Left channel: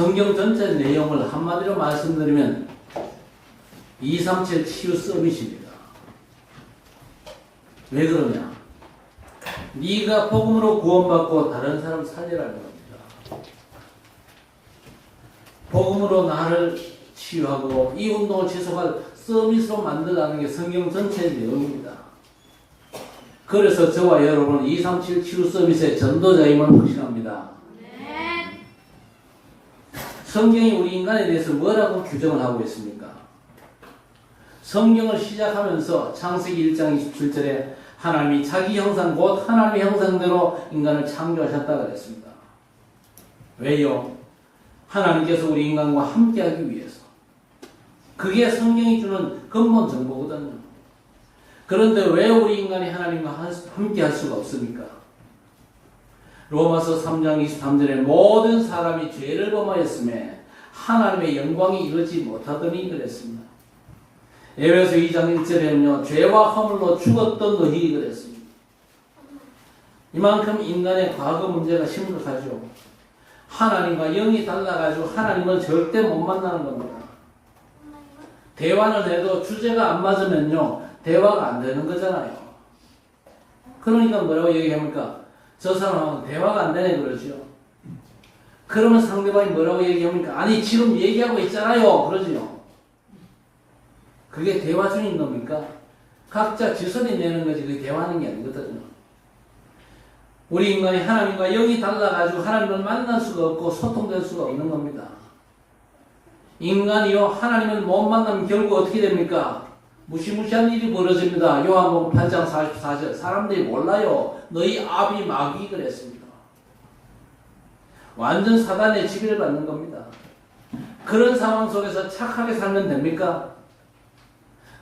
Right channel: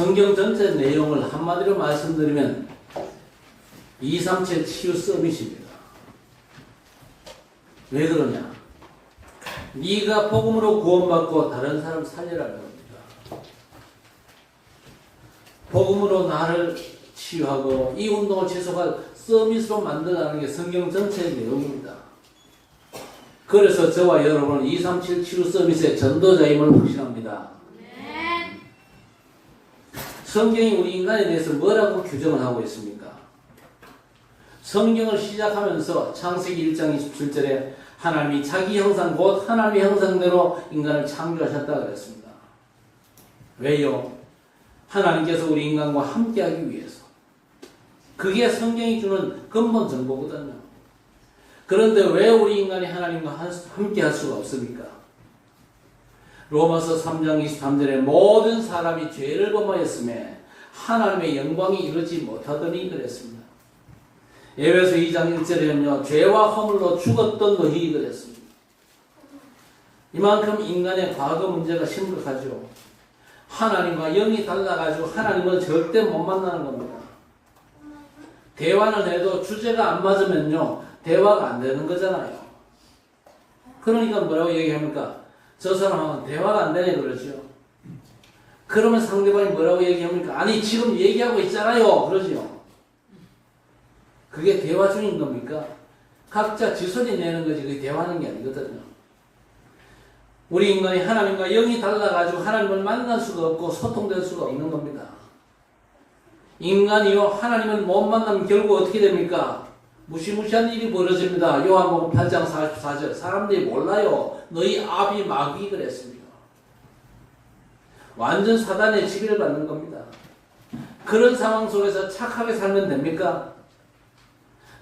성경 전체 내용을 한마디로 말씀드리면 237 치유 서밋입니다. 왜 그러냐? 네가 복음으로 구원받고 다른 사람 살리라는 겁니다. 복음으로 나를 치유하고 이 운동을 지속할 서밋으로 만들어가는 게 성경 전체의 내용입니다. 그래서 저와 여러분은 237 치유 서밋의 전도자임을 확신합니다. 성경이 우리 인간에 대해서 뭐라고 규정을 하고 있습니까? 성경을 시작하면서 창세기 1장 27절에 하나님이 자기 형상 곧 하나님의 형상대로 인간을 창조하셨다고 그랬습니다. 왜요? 하나님께서 우리 인간과 함께하기 위해서. 그게 성경이 주는 근본 정보거든요. 그런데 왜 우리 인간이 하나님과 함께할 수가 없습니까? 로마서 3장 23절에 모든 사람이 죄를 범하였음에 하나님의 영광이 이르지 못하더니 그랬습니다. 에베소 2장 1절에는요, 죄와 허물로 죽었던 너희이 그랬습니다. 이만큼 인간의 과거 문제가 심각하죠. 하나님과 영이 달라가지고 하나님은 절대 못 만나는 겁니다. 대화를 해도 주제가 안 맞으면요, 대화가 안 되는 거잖아요. 그러니까 뭐라고 얘기합니까? 저 사람은 대화가 안 되네 그러죠. 그러면 상대방이 뭐라고 얘기합니까? 아니 지금 얘기하고 있잖아요 그러죠. 그게 대화 중인 겁니까? 각자 지선이 내는 거지 그게 대화하는 게 아니거든요. 우리 인간이 하나님과 영이 달라가지고 하나님을 만날 수가 없고 소통될 수가 없는 겁니다. 인간이요 하나님을 못 만나면 결국 어떻게 됩니까? 무시무시한 일이 벌어집니다. 요한복음 8장 44절 사람들이 몰라요. 너희 아비 마귀 그랬습니다. 완전 사단의 지배를 받는 겁니다. 그런 상황 속에서 착하게 살면 됩니까?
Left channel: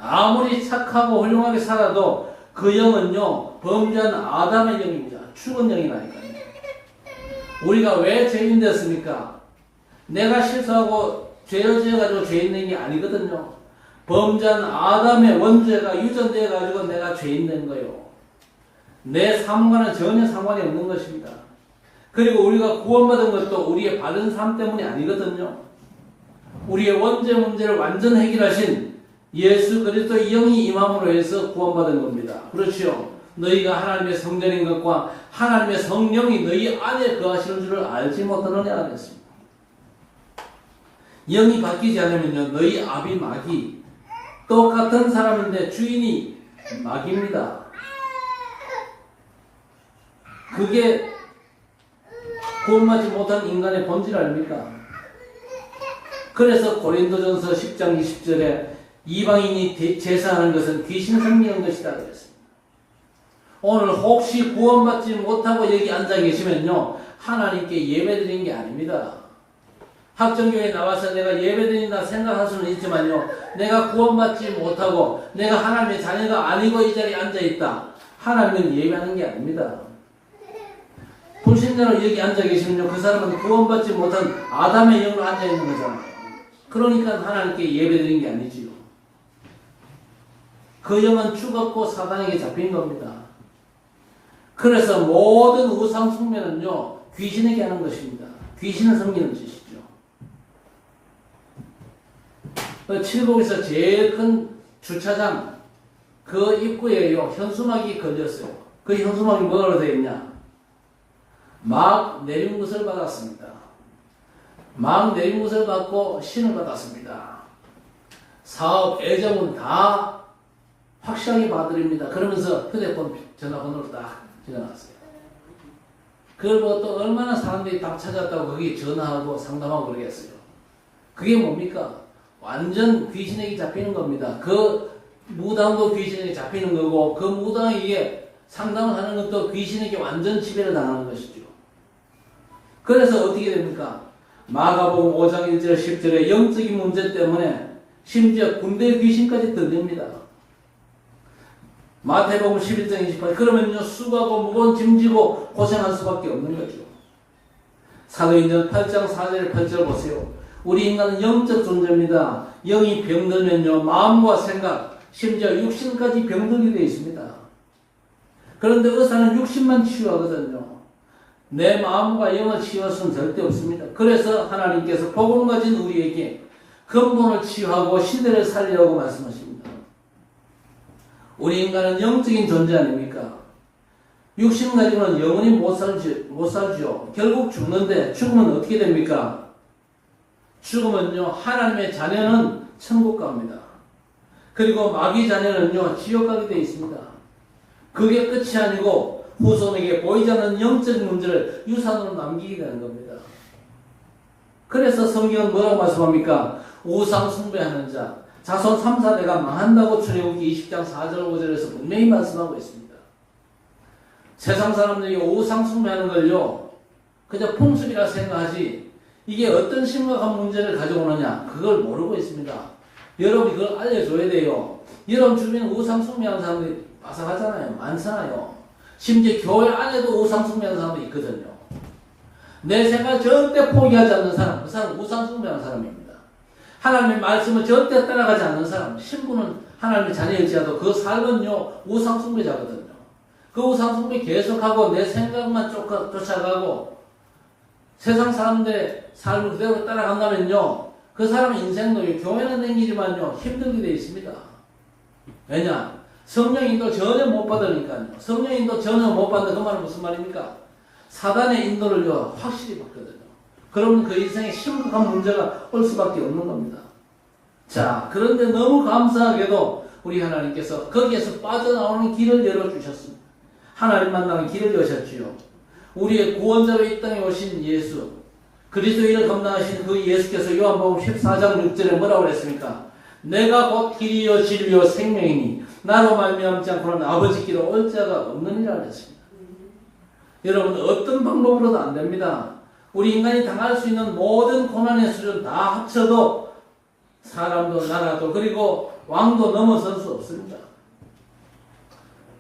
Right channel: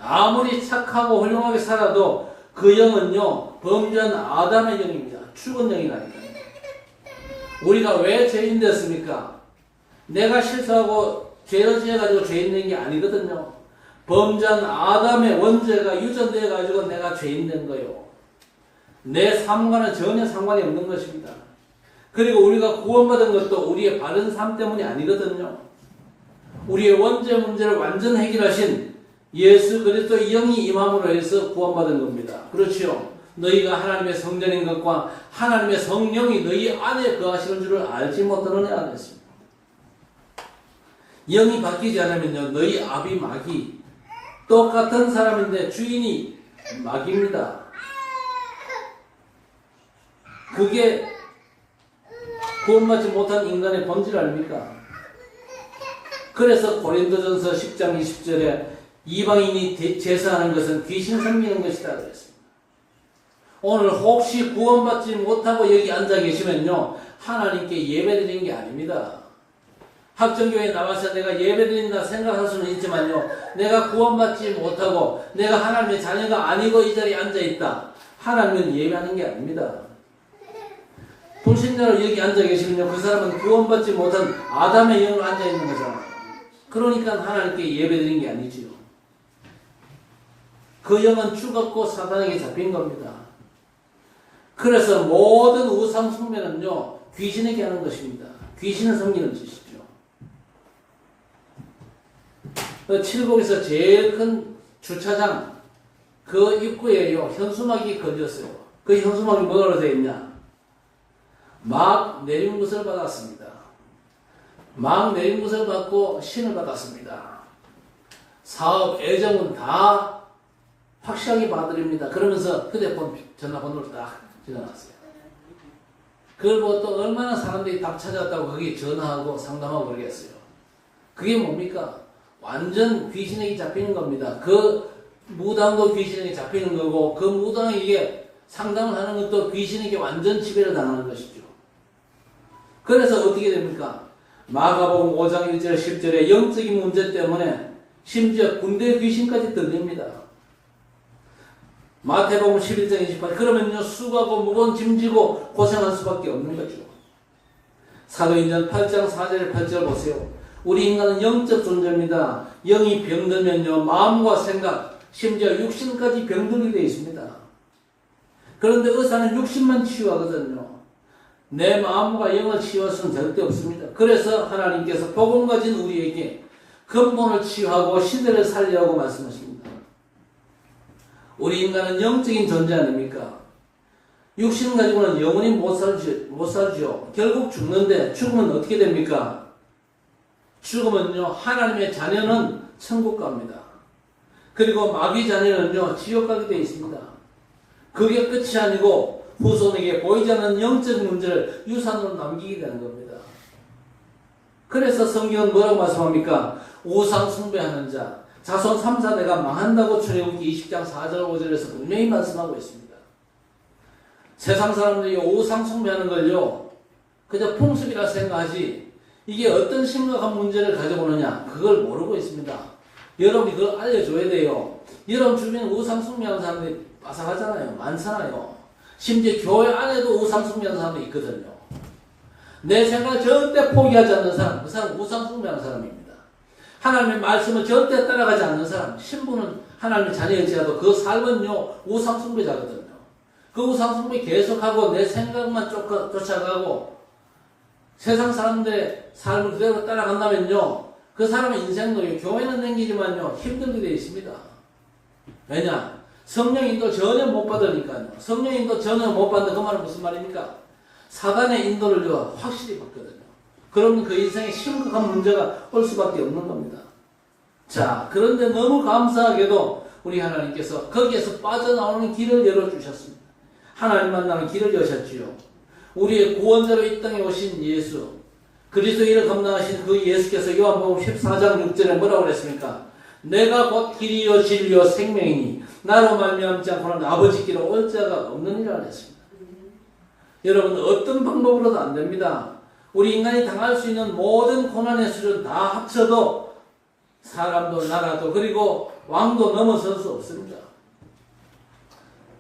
아무리 착하고 훌륭하게 살아도 그 영은요 범죄한 아담의 영입니다. 죽은 영이라니까요. 우리가 왜 죄인 됐습니까? 내가 실수하고 죄어져가지고 죄인 된 게 아니거든요. 범죄한 아담의 원죄가 유전되어가지고 내가 죄인 된 거예요. 내 삶과는 전혀 상관이 없는 것입니다. 그리고 우리가 구원받은 것도 우리의 바른 삶 때문이 아니거든요. 우리의 원죄 문제를 완전 해결하신 예수 그리스도의 영이 임함으로 해서 구원받은 겁니다. 그렇죠? 너희가 하나님의 성전인 것과 하나님의 성령이 너희 안에 거하시는 줄을 알지 못하느냐 그랬습니다. 영이 바뀌지 않으면요 너희 아비 마귀 똑같은 사람인데 주인이 마귀입니다. 그게 구원받지 못한 인간의 본질 아닙니까? 그래서 고린도전서 10장 20절에 이방인이 제사하는 것은 귀신 섬기는 것이다 그랬습니다. 오늘 혹시 구원받지 못하고 여기 앉아 계시면요 하나님께 예배드리는 게 아닙니다. 학정교회에 나와서 내가 예배드린다 생각할 수는 있지만요 내가 구원받지 못하고 내가 하나님의 자녀가 아니고 이 자리에 앉아있다 하나님은 예배하는 게 아닙니다. 불신자로 여기 앉아 계시면요 그 사람은 구원받지 못한 아담의 영으로 앉아있는 거잖아요. 그러니까 하나님께 예배드리는 게 아니지요. 그 영은 죽었고 사단에게 잡힌 겁니다. 그래서 모든 우상 숭배는요 귀신에게 하는 것입니다. 귀신을 섬기는 짓이죠. 그 칠곡에서 제일 큰 주차장 그 입구에요 현수막이 걸렸어요. 그 현수막이 뭐라고 되어 있냐? 막 내린 것을 받았습니다. 막 내린 것을 받고 신을 받았습니다. 사업 애정은 다 확실하게 봐드립니다. 그러면서 휴대폰 전화번호를 딱 적어놨어요. 그걸 보고 또 얼마나 사람들이 딱 찾았다고 거기 전화하고 상담하고 그러겠어요. 그게 뭡니까? 완전 귀신에게 잡히는 겁니다. 그 무당도 귀신에게 잡히는 거고 그 무당에게 상담을 하는 것도 귀신에게 완전 지배를 당하는 것이죠. 그래서 어떻게 됩니까? 마가복음 5장 1절 10절에 영적인 문제 때문에 심지어 군대 귀신까지 들립니다. 마태복음 11장 28 그러면요 수고하고 무거운 짐지고 고생할 수밖에 없는 거죠. 사도행전 8장 4절 8절 보세요. 우리 인간은 영적 존재입니다. 영이 병들면요 마음과 생각 심지어 육신까지 병들게 되어 있습니다. 그런데 의사는 육신만 치유하거든요. 내 마음과 영을 치유할 절대 없습니다. 그래서 하나님께서 복음 가진 우리에게 근본을 치유하고 시대를 살리라고 말씀하십니다. 우리 인간은 영적인 존재 아닙니까? 육신 가지고는 영원히 못 살죠. 결국 죽는데 죽으면 어떻게 됩니까? 죽으면요, 하나님의 자녀는 천국 갑니다. 그리고 마귀 자녀는요, 지옥 가게 되어 있습니다. 그게 끝이 아니고 후손에게 보이지 않는 영적 문제를 유산으로 남기게 되는 겁니다. 그래서 성경은 뭐라고 말씀합니까? 우상 숭배하는 자, 자손 3, 4대가 망한다고 출애굽기 20장 4절 5절에서 분명히 말씀하고 있습니다. 세상 사람들이 우상 숭배하는 걸요, 그저 풍습이라 생각하지 이게 어떤 심각한 문제를 가져오느냐 그걸 모르고 있습니다. 여러분이 그걸 알려줘야 돼요. 여러분 주변에 우상 숭배하는 사람들이 빠삭하잖아요. 많잖아요. 심지어 교회 안에도 우상 숭배하는 사람도 있거든요. 내 생각을 절대 포기하지 않는 사람, 그 사람은 우상 숭배하는 사람입니다. 하나님의 말씀을 절대 따라가지 않는 사람, 신부는 하나님의 자녀일지라도 그 삶은요, 우상 숭배자거든요. 그 우상 숭배 계속하고 내 생각만 쫓아가고 세상 사람들의 삶을 그대로 따라간다면요, 그 사람의 인생도 교회는 댕기지만요, 힘들게 되어 있습니다. 왜냐? 성령 인도 전혀 못 받으니까요. 성령 인도 전혀 못 받는다. 그 말은 무슨 말입니까? 사단의 인도를요, 확실히 받거든요. 그러면 그 인생에 심각한 문제가 올 수밖에 없는 겁니다. 자, 그런데 너무 감사하게도 우리 하나님께서 거기에서 빠져나오는 길을 열어주셨습니다. 하나님 만나는 길을 여셨지요. 우리의 구원자로 이 땅에 오신 예수, 그리스도의 일을 감당하신 그 예수께서 요한복음 14장 6절에 뭐라고 그랬습니까? 내가 곧 길이요 진리요 생명이니 나로 말미암지 않고는 아버지께로 올 자가 없느니라 그랬습니다. 여러분, 어떤 방법으로도 안 됩니다. 우리 인간이 당할 수 있는 모든 고난의 수준 다 합쳐도 사람도 나라도 그리고 왕도 넘어설 수 없습니다.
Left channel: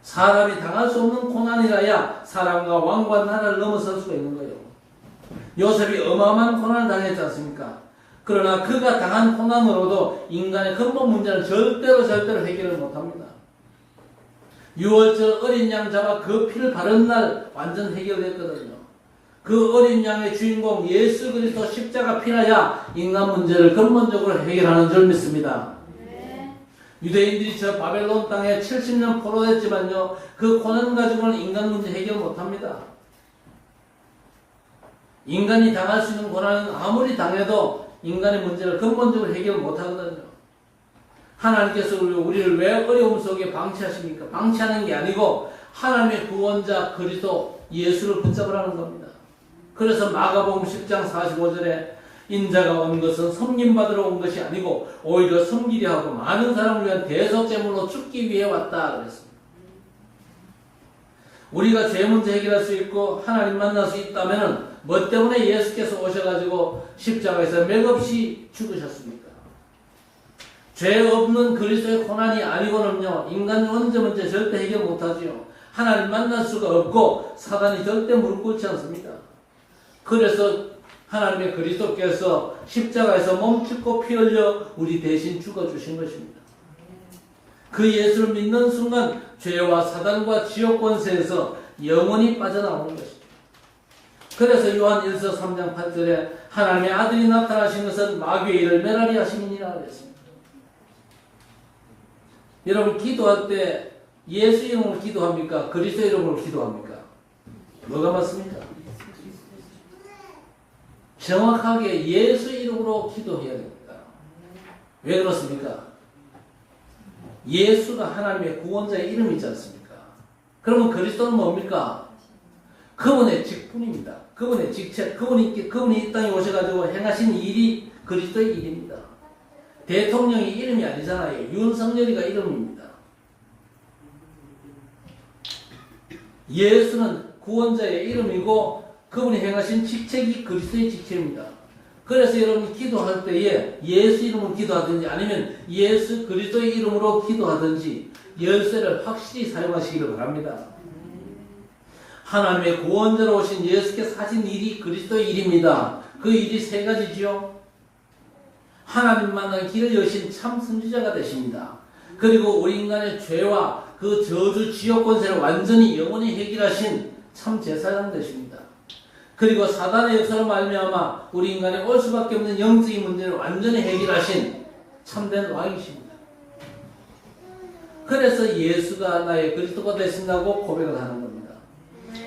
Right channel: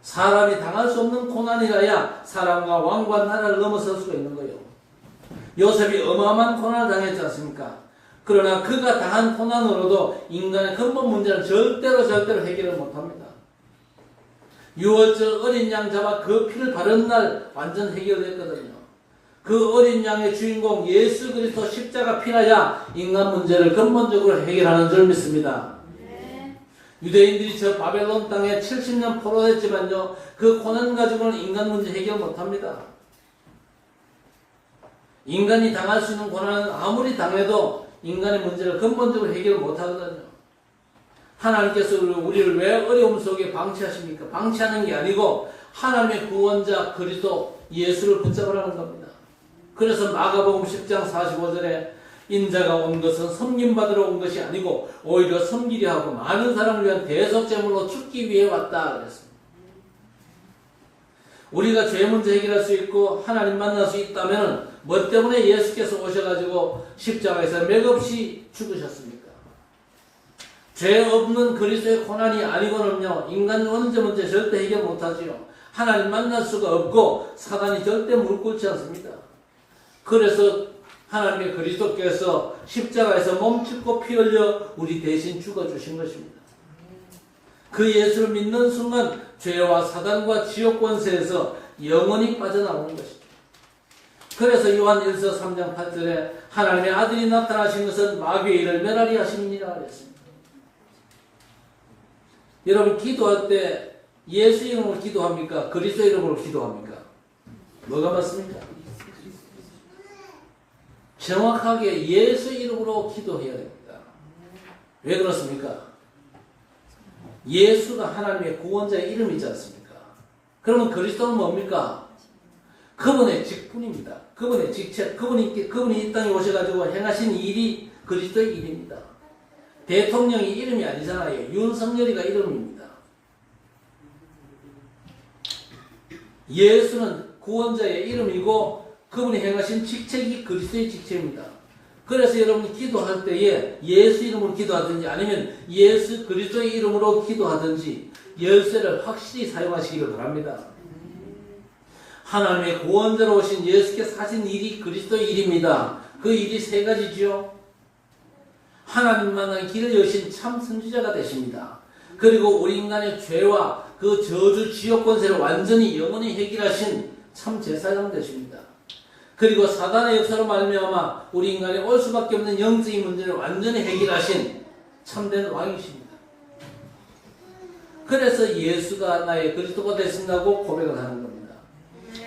사람이 당할 수 없는 고난이라야 사람과 왕과 나라를 넘어설 수가 있는 거예요. 요셉이 어마어마한 고난을 당했지 않습니까? 그러나 그가 당한 고난으로도 인간의 근본 문제는 절대로 해결을 못합니다. 6월절 어린 양 잡아 그 피를 바른 날 완전 해결됐거든요. 그 어린 양의 주인공 예수 그리스도 십자가 피라야 인간 문제를 근본적으로 해결하는 줄 믿습니다. 유대인들이 저 바벨론 땅에 70년 포로됐지만요, 그 고난 가지고는 인간 문제 해결 못합니다. 인간이 당할 수 있는 고난은 아무리 당해도 인간의 문제를 근본적으로 해결 못하거든요. 하나님께서 우리를 왜 어려움 속에 방치하십니까? 방치하는 게 아니고 하나님의 구원자 그리스도 예수를 붙잡으라는 겁니다. 그래서 마가복음 10장 45절에 인자가 온 것은 섬김받으러 온 것이 아니고 오히려 섬기려 하고 많은 사람을 위한 대속제물로 죽기 위해 왔다 그랬습니다. 우리가 죄 문제 해결할 수 있고 하나님 만날 수 있다면 뭐 때문에 예수께서 오셔가지고 십자가에서 맥없이 죽으셨습니까? 죄 없는 그리스도의 고난이 아니고는요, 인간 원죄 문제 절대 해결 못하지요. 하나님 만날 수가 없고 사단이 절대 무릎 꿇지 않습니다. 그래서 하나님의 그리스도께서 십자가에서 몸짓고 피 흘려 우리 대신 죽어주신 것입니다. 그 예수를 믿는 순간 죄와 사단과 지옥 권세에서 영원히 빠져나오는 것이죠. 그래서 요한 1서 3장 8절에 하나님의 아들이 나타나신 것은 마귀의 일을 멸하리 하심이니라 그랬습니다. 여러분, 기도할 때 예수 이름으로 기도합니까? 그리스도 이름으로 기도합니까? 뭐가 맞습니까? 정확하게 예수 이름으로 기도해야 됩니다. 왜 그렇습니까? 예수가 하나님의 구원자의 이름이지 않습니까? 그러면 그리스도는 뭡니까? 그분의 직분입니다. 그분의 직책, 그분이 이 땅에 오셔가지고 행하신 일이 그리스도의 일입니다. 대통령이 이름이 아니잖아요. 윤석열이가 이름입니다. 예수는 구원자의 이름이고 그분이 행하신 직책이 그리스도의 직책입니다. 그래서 여러분이 기도할 때에 예수 이름으로 기도하든지 아니면 예수 그리스도의 이름으로 기도하든지 열쇠를 확실히 사용하시기를 바랍니다. 하나님의 구원자로 오신 예수께서 하신 일이 그리스도의 일입니다. 그 일이 세 가지죠. 하나님 만나는 길을 여신 참 선지자가 되십니다. 그리고 우리 인간의 죄와 그 저주 지옥 권세를 완전히 영원히 해결하신 참 제사장 되십니다. 그리고 사단의 역사로 말미암아 우리 인간의 올 수밖에 없는 영적인 문제를 완전히 해결하신 참된 왕이십니다. 그래서 예수가 나의 그리스도가 되신다고 고백을 하는 겁니다.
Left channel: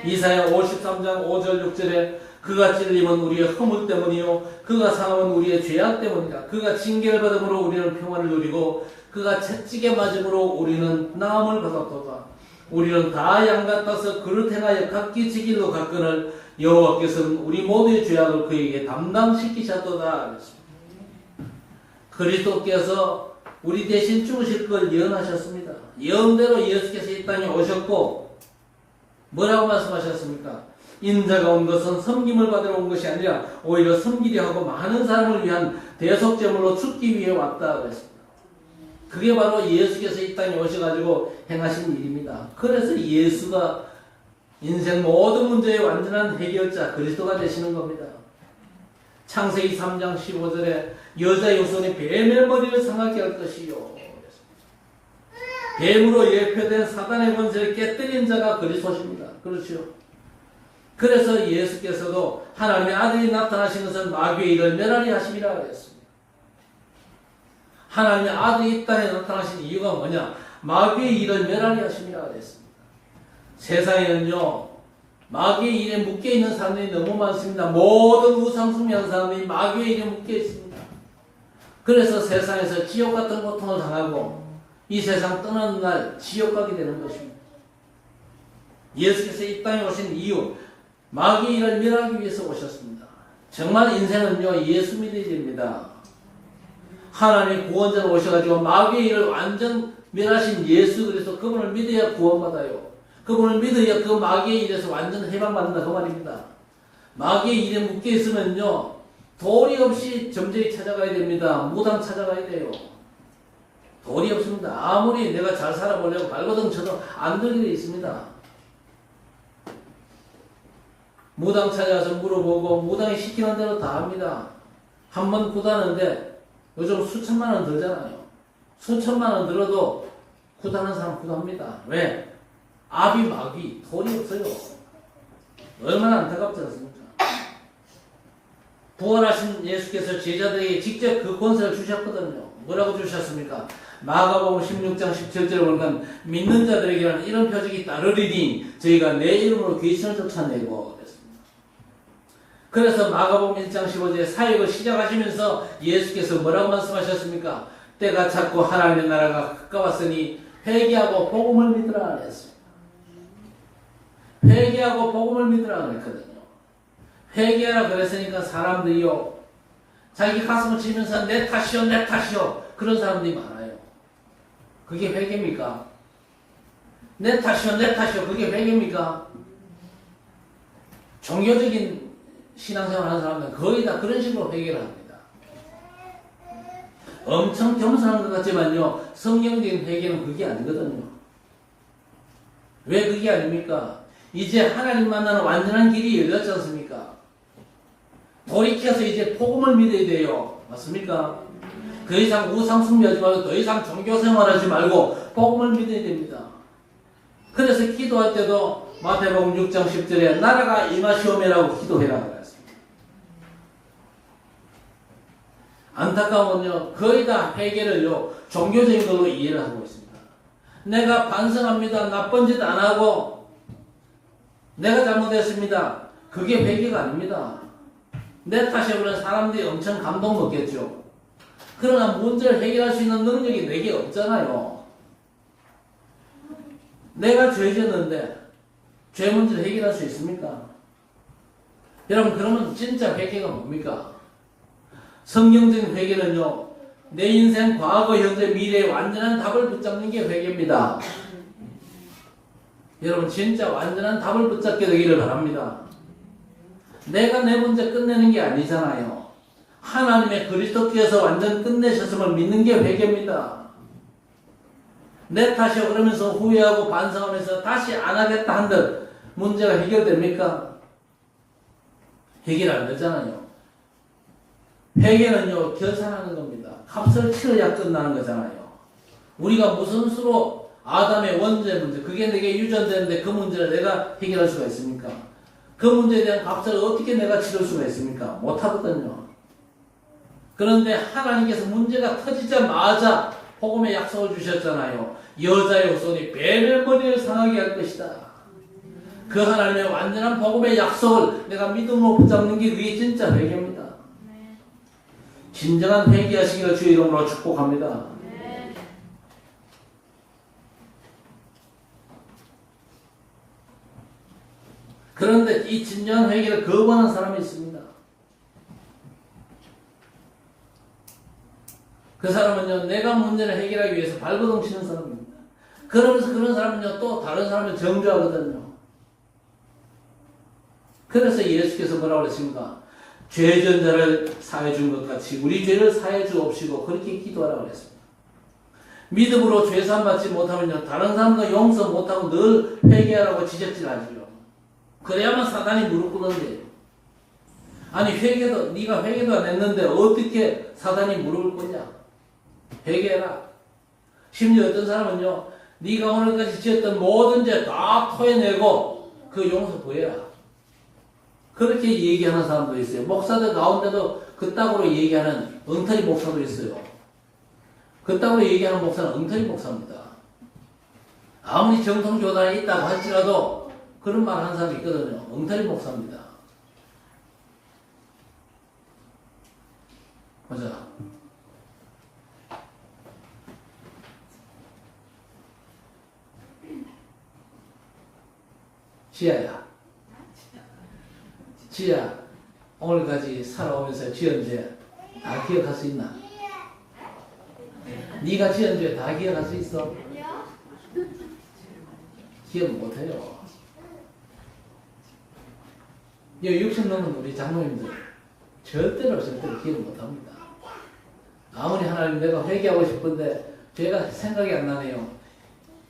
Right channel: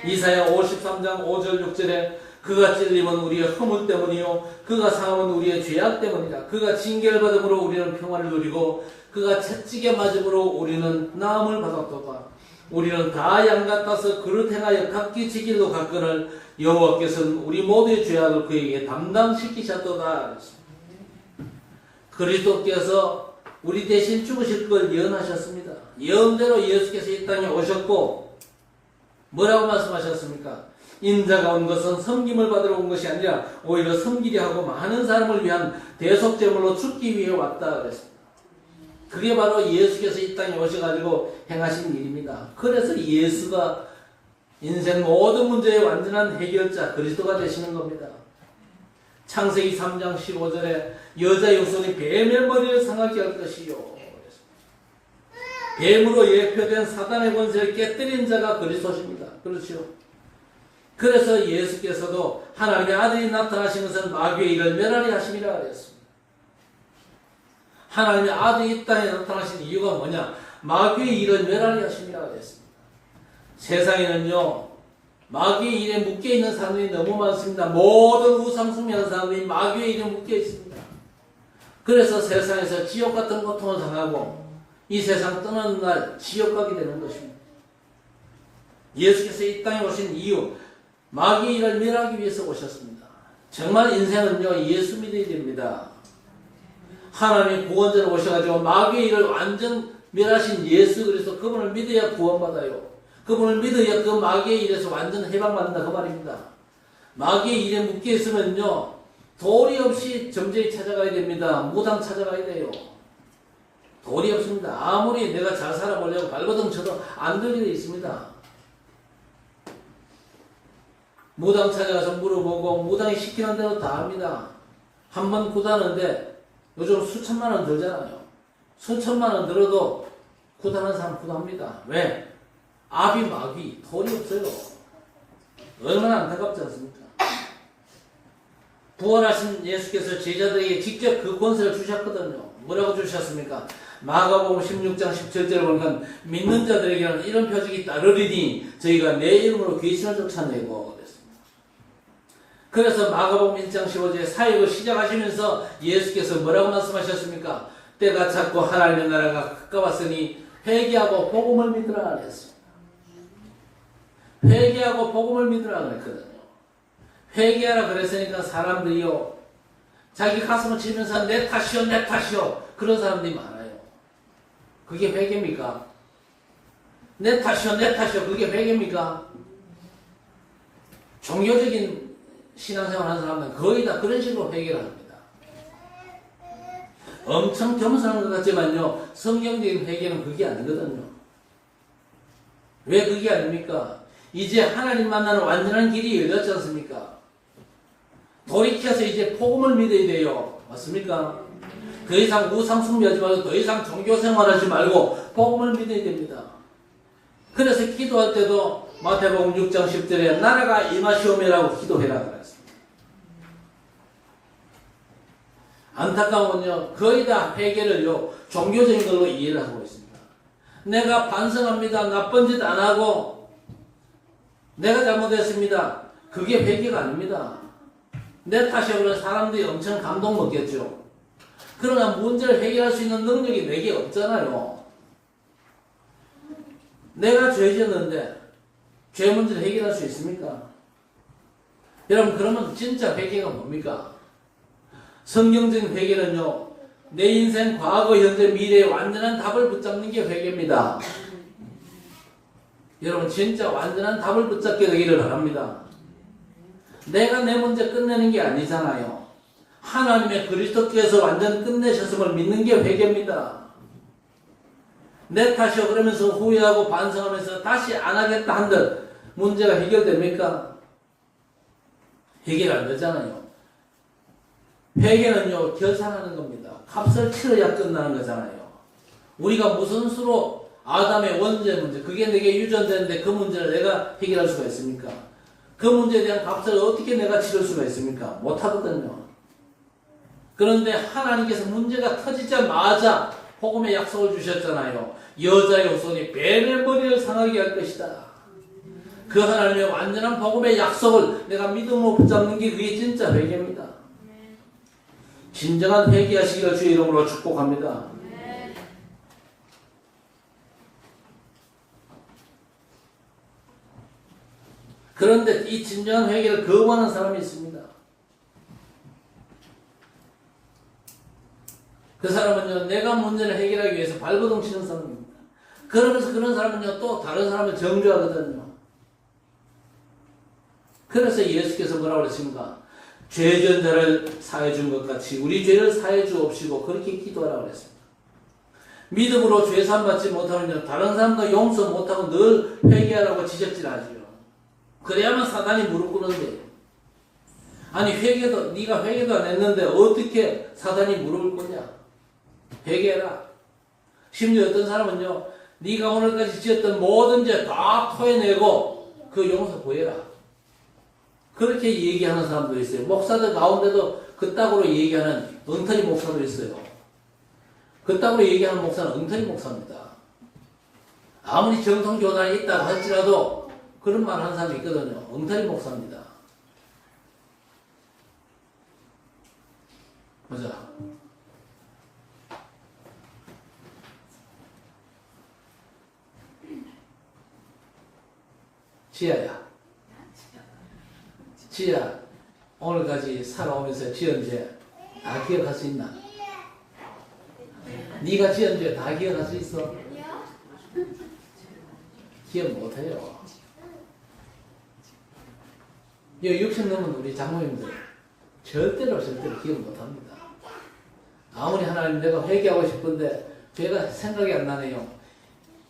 이사야 53장 5절 6절에 그가 찔림은 우리의 허물 때문이요 그가 상함은 우리의 죄악 때문이다. 그가 징계를 받음으로 우리는 평안을 누리고 그가 채찍에 맞음으로 우리는 나음을 받았도다. 우리는 다 양 같아서 그를 행하여 각기 지 길로 갔거늘 여호와께서는 우리 모두의 죄악을 그에게 담당시키셨도다. 그리스도께서 우리 대신 죽으실 걸 예언하셨습니다. 예언대로 예수께서 이 땅에 오셨고 뭐라고 말씀하셨습니까? 인자가 온 것은 섬김을 받으러 온 것이 아니라 오히려 섬기려 하고 많은 사람을 위한 대속제물로 죽기 위해 왔다 그랬습니다. 그게 바로 예수께서 이 땅에 오셔가지고 행하신 일입니다. 그래서 예수가 인생 모든 문제의 완전한 해결자 그리스도가 되시는 겁니다. 창세기 3장 15절에 여자의 후손이 뱀의 머리를 상하게 할 것이요. 뱀으로 예표된 사단의 권세를 깨뜨린 자가 그리스도십니다. 그렇죠? 그래서 예수께서도 하나님의 아들이 나타나신 것은 마귀의 일을 멸하리 하심이라 그랬습니다. 하나님의 아들이 이 땅에 나타나신 이유가 뭐냐? 마귀의 일을 멸하리 하심이라 그랬습니다. 세상에는요, 마귀의 일에 묶여있는 사람들이 너무 많습니다. 모든 우상숭배하는 사람들이 마귀의 일에 묶여 있습니다. 그래서 세상에서 지옥 같은 고통을 당하고 이 세상 떠나는 날 지옥 가게 되는 것입니다. 예수께서 이 땅에 오신 이유, 마귀의 일을 멸하기 위해서 오셨습니다. 정말 인생은요, 예수 믿어야 됩니다. 하나님이 구원자로 오셔가지고 마귀의 일을 완전 멸하신 예수 그리스도 그분을 믿어야 구원받아요. 그분을 믿어야 그 마귀의 일에서 완전 해방받는다 그 말입니다. 마귀의 일에 묶여있으면요 도리 없이 점쟁이 찾아가야 됩니다. 무당 찾아가야 돼요. 도리 없습니다. 아무리 내가 잘 살아보려고 발버둥 쳐도 안 되게 되어 있습니다. 무당 찾아가서 물어보고 무당이 시키는 대로 다 합니다. 한 번 구다는데 요즘 수천만 원 들잖아요. 수천만 원 들어도 구다는 사람 구다합니다. 왜? 아비 마귀 돈이 없어요. 얼마나 안타깝지 않습니까? 부활하신 예수께서 제자들에게 직접 그 권세를 주셨거든요. 뭐라고 주셨습니까? 마가복음 16장 17절에 보니까 믿는 자들에게는 이런 표적이 따르리니 저희가 내 이름으로 귀신을 쫓아내고 그랬습니다. 그래서 마가복음 1장 15절에 사역을 시작하시면서 예수께서 뭐라고 말씀하셨습니까? 때가 찼고 하나님의 나라가 가까웠으니 회개하고 복음을 믿으라 그랬습니다. 회개하고 복음을 믿으라 그랬거든요. 회개하라 그랬으니까 사람들이요 자기 가슴을 치면서 내 탓이요 내 탓이요 그런 사람들이 많아요. 그게 회개입니까? 내 탓이요 내 탓이요 그게 회개입니까? 종교적인 신앙생활 하는 사람들은 거의 다 그런 식으로 회개를 합니다. 엄청 겸손한 것 같지만요 성경적인 회개는 그게 아니거든요. 왜 그게 아닙니까? 이제 하나님 만나는 완전한 길이 열렸지 않습니까? 돌이켜서 이제 복음을 믿어야 돼요. 맞습니까? 더 이상 우상숭배하지 말고 더 이상 종교생활하지 말고 복음을 믿어야 됩니다. 그래서 기도할 때도 마태복음 6장 10절에 나라가 임하시오매라고 기도해라 그랬습니다. 안타까운요 거의 다 회개를요 종교적인 걸로 이해를 하고 있습니다. 내가 반성합니다. 나쁜 짓 안 하고 내가 잘못했습니다. 그게 회개가 아닙니다. 내 탓에 그런 사람들이 엄청 감동 먹겠죠. 그러나 문제를 해결할 수 있는 능력이 내게 없잖아요. 내가 죄 지었는데 죄 문제를 해결할 수 있습니까? 여러분 그러면 진짜 회개가 뭡니까? 성경적인 회개는요 내 인생 과거 현재 미래의 완전한 답을 붙잡는 게 회개입니다. 여러분 진짜 완전한 답을 붙잡게 되기를 바랍니다. 내가 내 문제 끝내는 게 아니잖아요. 하나님의 그리스도께서 완전 끝내셨음을 믿는 게 회개입니다. 내 탓이요 그러면서 후회하고 반성하면서 다시 안 하겠다 한들 문제가 해결됩니까? 해결 안 되잖아요. 회개는요 결산하는 겁니다. 값을 치러야 끝나는 거잖아요. 우리가 무슨 수로 아담의 원죄 문제 그게 내게 유전되는데 그 문제를 내가 해결할 수가 있습니까? 그 문제에 대한 값을 어떻게 내가 치를 수가 있습니까? 못하거든요. 그런데 하나님께서 문제가 터지자마자 복음의 약속을 주셨잖아요. 여자의 후손이 뱀의 머리를 상하게 할 것이다. 그 하나님의 완전한 복음의 약속을 내가 믿음으로 붙잡는 게 그게 진짜 회개입니다. 진정한 회개하시기를 주의 이름으로 축복합니다. 그런데 이 진정한 회개를 거부하는 사람이 있습니다. 그 사람은요, 내가 문제를 해결하기 위해서 발버둥 치는 사람입니다. 그러면서 그런 사람은요, 또 다른 사람을 정죄하거든요. 그래서 예수께서 뭐라고 그랬습니까? 죄 진 자를 사해 준 것 같이 우리 죄를 사해 주옵시고 그렇게 기도하라고 그랬습니다. 믿음으로 죄 사함 받지 못하면요, 다른 사람도 용서 못하고 늘 회개하라고 지적질하죠. 그래야만 사단이 무릎 꿇는데요. 아니 네가 회개도 안 했는데 어떻게 사단이 무릎을 꿇냐? 회개해라. 심지어 어떤 사람은요, 네가 오늘까지 지었던 모든 죄 다 토해내고 그 용서 구해라. 그렇게 얘기하는 사람도 있어요. 목사들 가운데도 그따구로 얘기하는 엉터리 목사도 있어요. 그따구로 얘기하는 목사는 엉터리 목사입니다. 아무리 정통교단에 있다고 할지라도 그런 말 하는 사람이 있거든요. 엉터리 목사입니다. 보자. 지아야. 지아, 오늘까지 살아오면서 지은 죄 다 기억할 수 있나? 네가 지은 죄 다 기억할 수 있어? 기억 못해요. 이 60 넘은 우리 장로님들 절대로 기억 못합니다. 아무리 하나님 내가 회개하고 싶은데 죄가 생각이 안 나네요.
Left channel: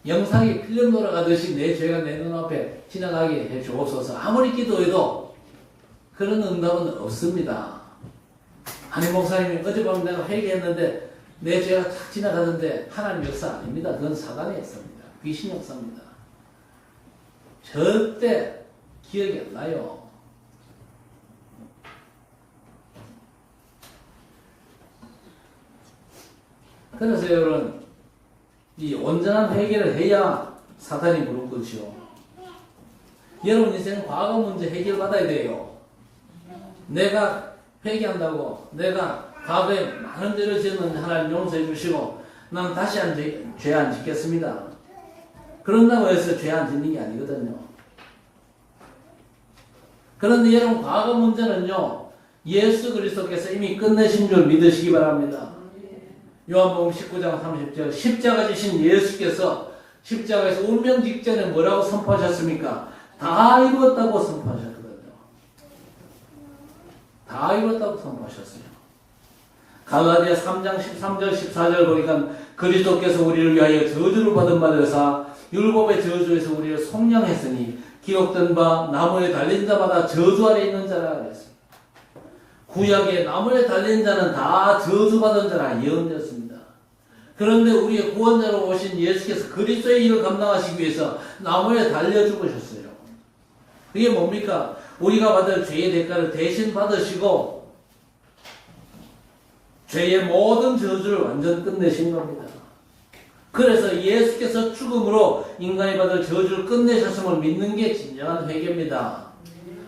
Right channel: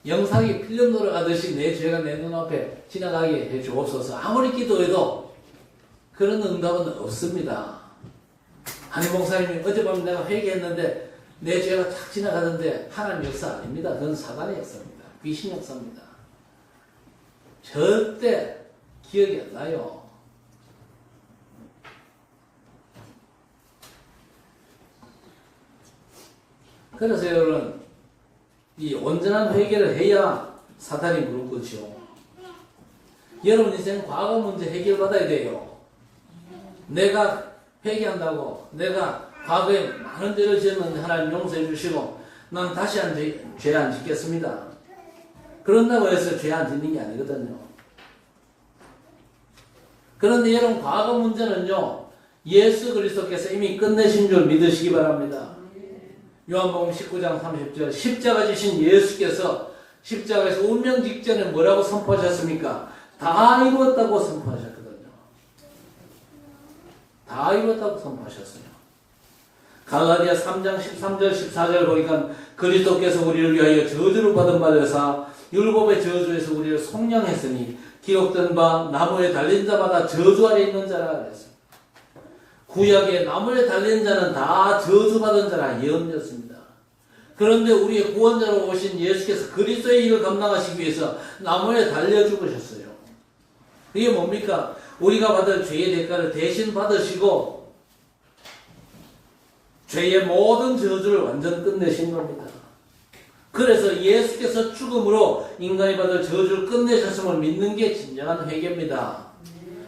영상이 필름 돌아가듯이 내 죄가 내 눈앞에 지나가게 해 주옵소서. 아무리 기도해도 그런 응답은 없습니다. 아니 목사님이 어젯밤 내가 회개했는데 내 죄가 착 지나가는데 하나님 역사 아닙니다. 그건 사단의 역사입니다. 귀신 역사입니다. 절대 기억이 안 나요. 그래서 여러분, 이 온전한 회개를 해야 사단이 무릎 꿇지요. 여러분 인생 과거 문제 해결받아야 돼요. 내가 회개한다고 내가 과거에 많은 죄를 지었는데 하나님 용서해 주시고 난 다시 죄 안 짓겠습니다. 그런다고 해서 죄 안 짓는 게 아니거든요. 그런데 여러분 과거 문제는요, 예수 그리스도께서 이미 끝내신 줄 믿으시기 바랍니다. 요한복음 19장 30절 십자가 지신 예수께서 십자가에서 운명 직전에 뭐라고 선포하셨습니까? 다 이루었다고 선포하셨거든요. 다 이루었다고 선포하셨어요. 갈라디아 3장 13절 14절 보니까 그리스도께서 우리를 위하여 저주를 받은 바 되사 율법의 저주에서 우리를 속량했으니 기록된 바 나무에 달린 자마다 저주 아래 있는 자라 그랬습니다. 구약에 나무에 달린 자는 다 저주받은 자라 예언되었습니다. 그런데 우리의 구원자로 오신 예수께서 그리스도의 일을 감당하시기 위해서 나무에 달려 죽으셨어요. 그게 뭡니까? 우리가 받을 죄의 대가를 대신 받으시고 죄의 모든 저주를 완전 끝내신 겁니다. 그래서 예수께서 죽음으로 인간이 받을 저주를 끝내셨음을 믿는 게 진정한 회개입니다.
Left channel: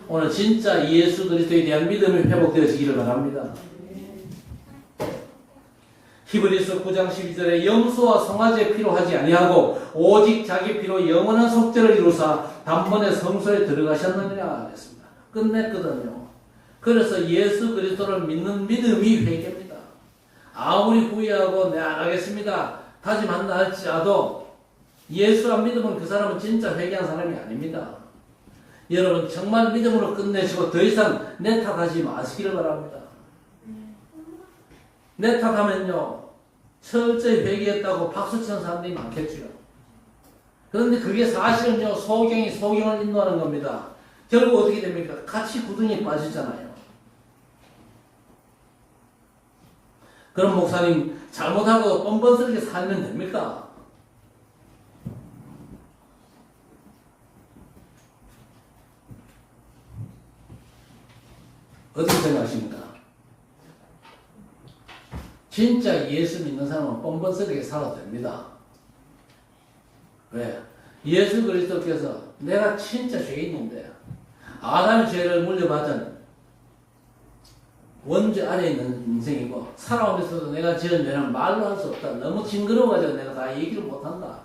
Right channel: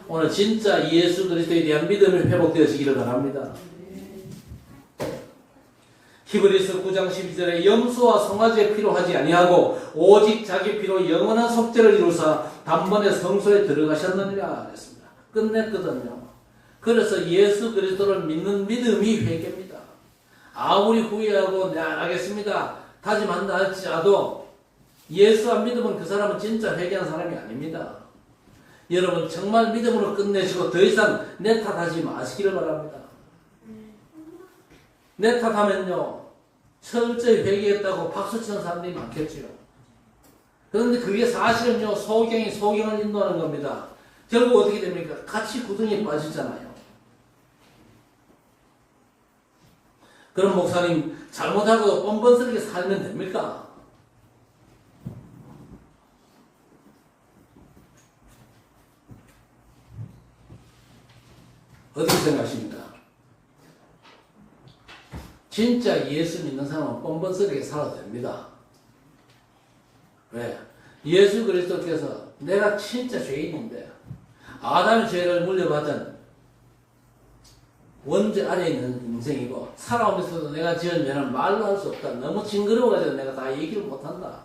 오늘 진짜 예수 그리스도에 대한 믿음이 회복되어지기를 바랍니다. 히브리서 9장 12절에 염소와 송아지의 피로 하지 아니하고 오직 자기 피로 영원한 속죄를 이루사 단번에 성소에 들어가셨느니라 그랬습니다. 끝냈거든요. 그래서 예수 그리스도를 믿는 믿음이 회개입니다. 아무리 후회하고 내 안 하겠습니다 다짐한다 할지라도 예수 안 믿으면 그 사람은 진짜 회개한 사람이 아닙니다. 여러분 정말 믿음으로 끝내시고 더 이상 내 탓하지 마시기를 바랍니다. 내 탓하면요 철저히 회개했다고 박수치는 사람들이 많겠죠. 그런데 그게 사실은요 소경이 소경을 인도하는 겁니다. 결국 어떻게 됩니까? 같이 구덩이에 빠지잖아요. 그럼 목사님 잘못하고 뻔뻔스럽게 살면 됩니까? 진짜 예수 믿는 사람은 뻔뻔스럽게 살아도 됩니다. 왜? 예수 그리스도께서 내가 진짜 죄인인데 아담의 죄를 물려받은 원죄 아래 있는 인생이고 살아오면서도 내가 지은 죄는 말로 할 수 없다. 너무 징그러워가지고 내가 다 얘기를 못한다.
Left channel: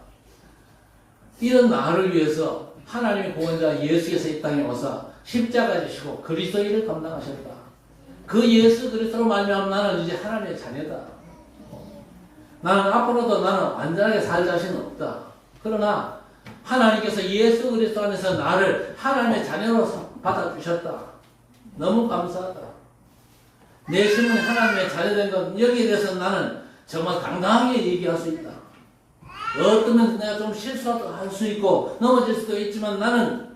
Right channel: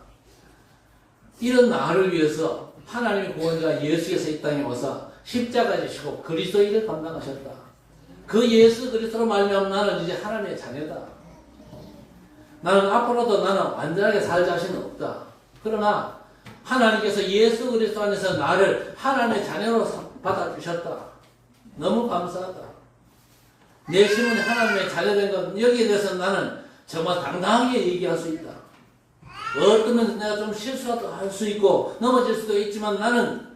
이런 나를 위해서 하나님의 구원자 예수께서 이 땅에 오사 십자가에 지시고 그리스도 일을 감당하셨다. 그 예수 그리스도로 말미암아 나는 이제 하나님의 자녀다. 나는 앞으로도 나는 완전하게 살 자신은 없다. 그러나 하나님께서 예수 그리스도 안에서 나를 하나님의 자녀로 받아주셨다. 너무 감사하다. 내 신분이 하나님의 자녀된 것 여기에 대해서 나는 정말 당당하게 얘기할 수 있다. 어떤 면 내가 좀 실수도 할 수 있고 넘어질 수도 있지만 나는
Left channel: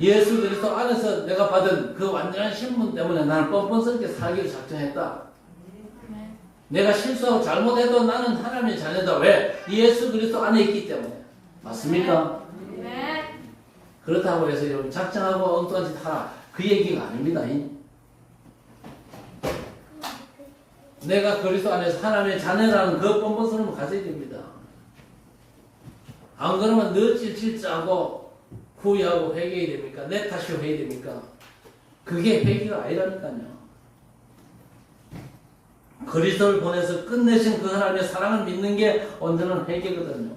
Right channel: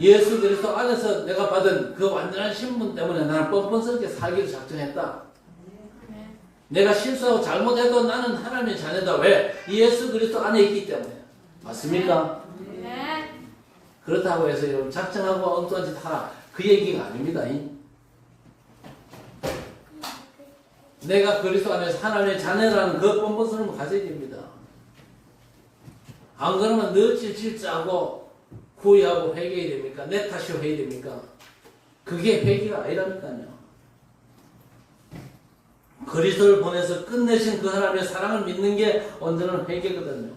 예수 그리스도 안에서 내가 받은 그 완전한 신분 때문에 나는 뻔뻔스럽게 살기를 작정했다. 내가 실수하고 잘못해도 나는 하나님의 자녀다. 왜? 예수 그리스도 안에 있기 때문에. 맞습니까? 그렇다고 해서 여러분 작정하고 엉뚱한 짓 하라. 그 얘기가 아닙니다. 내가 그리스도 안에서 하나님의 자녀라는 그 뻔뻔스러움을 가져야 됩니다. 안 그러면 너 찔찔짜고 후회하고 회개해야 됩니까? 내 탓이 해야 됩니까? 그게 회개가 아니라니까요. 그리스도를 보내서 끝내신 그 하나님의 사랑을 믿는 게 온전한 회개거든요.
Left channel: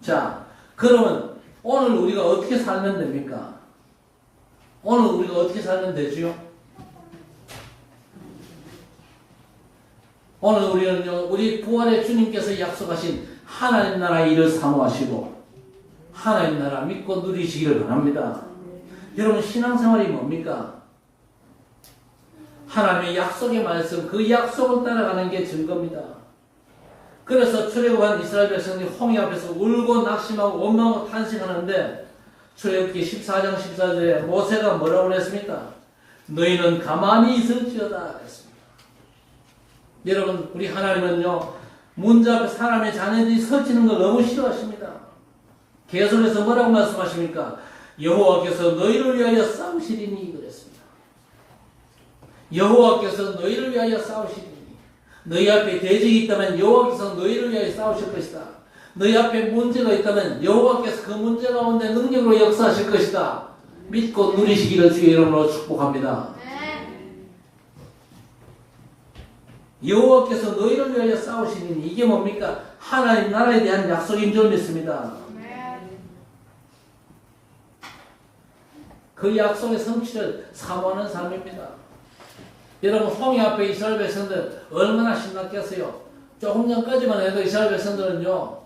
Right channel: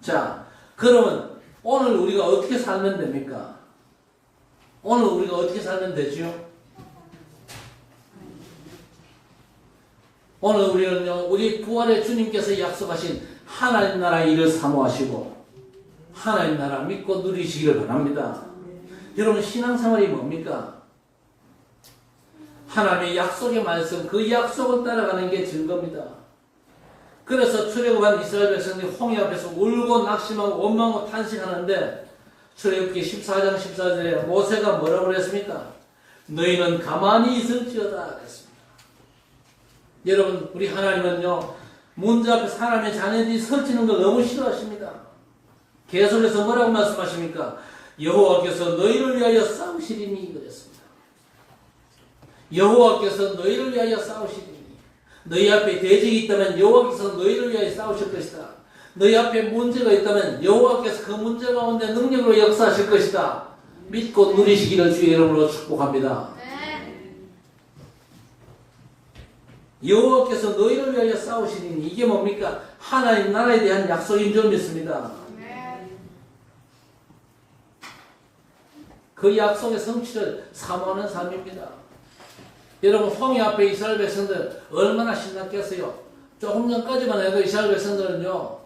자, 그러면 오늘 우리가 어떻게 살면 됩니까? 오늘 우리가 어떻게 살면 되지요? 오늘 우리는요, 우리 부활의 주님께서 약속하신 하나님 나라 일을 사모하시고 하나님 나라 믿고 누리시기를 바랍니다. 여러분 신앙생활이 뭡니까? 하나님의 약속의 말씀, 그 약속을 따라가는 게 증거입니다. 그래서 출애굽한 이스라엘 백성들이 홍해 앞에서 울고 낙심하고 원망하고 탄식하는데 출애굽기 14장 14절에 모세가 뭐라고 그랬습니까? 너희는 가만히 있을지어다 그랬습니다. 여러분 우리 하나님은요 문제 앞에 사람의 자녀들이 서지는 걸 너무 싫어하십니다. 계속해서 뭐라고 말씀하십니까? 여호와께서 너희를 위하여 싸우시리니 그랬습니다. 여호와께서 너희를 위하여 싸우시리니 너희 앞에 대적이 있다면 여호와께서 너희를 위하여 싸우실 것이다. 너희 앞에 문제가 있다면 여호와께서 그 문제 가운데 능력으로 역사하실 것이다. 믿고 누리시기를 주의 이름으로 축복합니다. 여호와께서 너희를 위하여 싸우시니 이게 뭡니까? 하나님 나라에 대한 약속인 줄 믿습니다. 그 약속의 성취를 사모하는 삶입니다. 여러분 홍해 앞에 이스라엘 백성들 얼마나 신났겠어요. 조금 전까지만 해도 이스라엘 백성들은요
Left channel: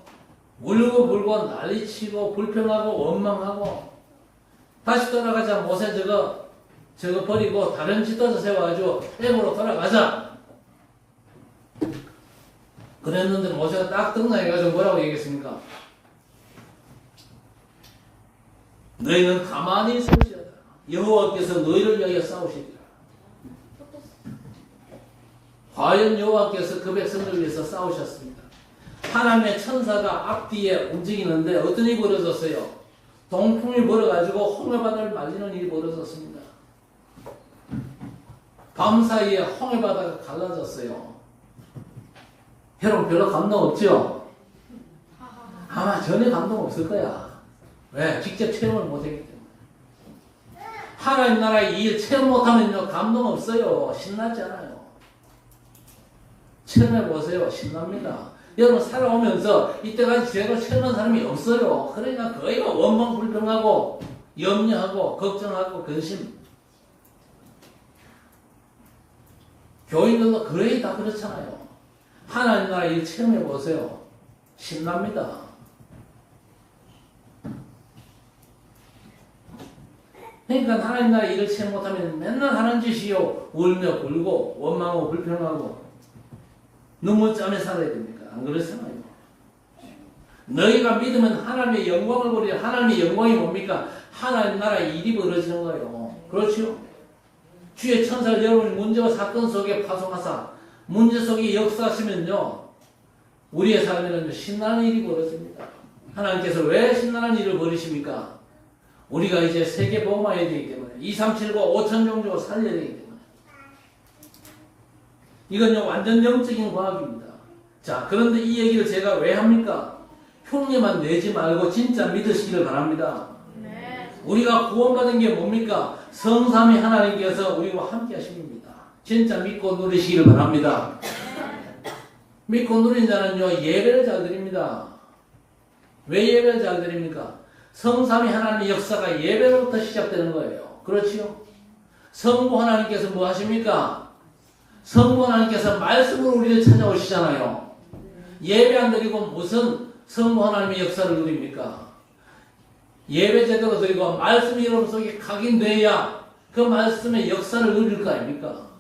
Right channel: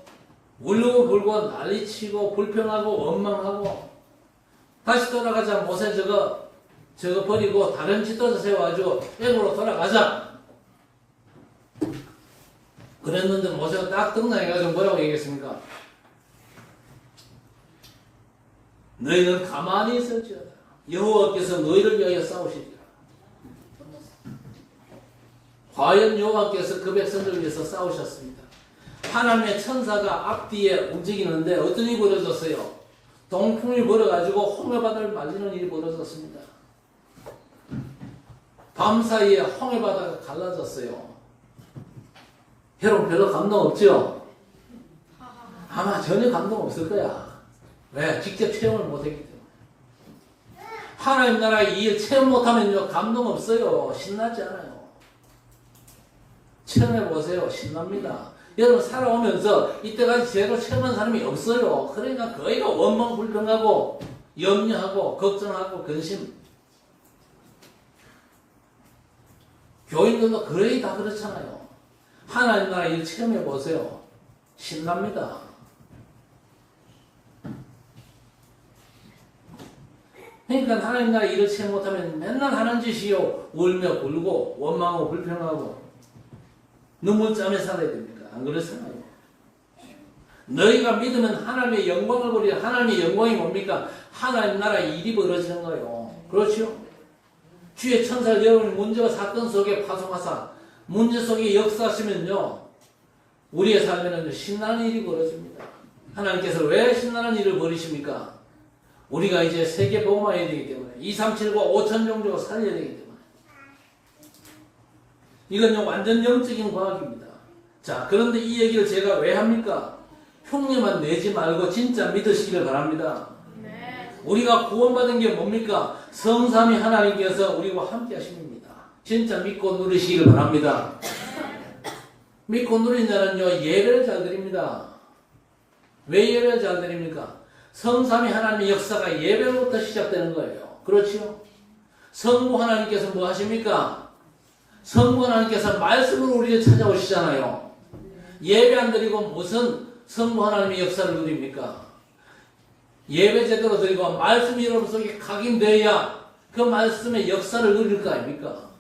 울고 불고 난리치고 불평하고 원망하고 다시 돌아가자 모세 저거 버리고 다른 지도자 세워가지고 애굽으로 돌아가자 그랬는데 모세가 딱 등장해가지고 뭐라고 얘기했습니까? 너희는 가만히 있을지어다. 여호와께서 너희를 위하여 싸우시리라. 과연 여호와께서 그 백성들을 위해서 싸우셨습니다. 하나님의 천사가 앞뒤에 움직이는데 어떤 일이 벌어졌어요? 동풍이 벌어가지고 홍해바다를 말리는 일이 벌어졌습니다. 밤사이에 홍해바다가 갈라졌어요. 여러분 별로 감동 없죠? 아마 전혀 감동 없을 거야. 왜? 직접 체험을 못했기 때문에. 하나님 나라의 일 체험 못하면요 감동 없어요. 신나지 않아요. 체험해보세요. 신납니다. 여러분 살아오면서 이때까지 제대로 체험한 사람이 없어요. 그러니까 거의 원망 불평하고 염려하고 걱정하고 근심. 교인들도 거의 다 그렇잖아요. 하나님 나라 일 체험해보세요. 신납니다. 그러니까 하나님 나라 일을 체험 못하면 맨날 하는 짓이요. 울며 굴고 원망하고 불평하고 눈물짬에 살아야 됩니까? 안 그렇잖아요. 너희가 믿으면 하나님의 영광을 보리라. 하나님의 영광이 뭡니까? 하나님 나라의 일이 벌어지는 거예요. 그렇죠? 주의 천사를 여러분 문제와 사건 속에 파송하사 문제 속에 역사하시면요 우리의 삶에는 신나는 일이 벌어집니다. 하나님께서 왜 신나는 일을 벌이십니까? 우리가 이제 세계 복음화해야 되기 때문에 2, 3, 7과 5천 종족을 살려야 되기 때문에 이건 완전 영적인 과학입니다. 자, 그런데 이 얘기를 제가 왜 합니까? 흉내만 내지 말고 진짜 믿으시기를 바랍니다. 우리가 구원받은 게 뭡니까? 성삼위 하나님께서 우리와 함께 하십니다. 진짜 믿고 누리시기를 바랍니다. 믿고 누린 자는요, 예배를 잘 드립니다. 왜 예배를 잘 드립니까? 성삼위 하나님의 역사가 예배로부터 시작되는 거예요. 그렇죠? 성부 하나님께서 뭐 하십니까? 성부 하나님께서 말씀으로 우리를 찾아오시잖아요. 예배 안 드리고 무슨 성부 하나님의 역사를 누립니까? 예배 제대로 드리고 말씀이 여러분 속에 각인돼야 그 말씀의 역사를 누릴 거 아닙니까?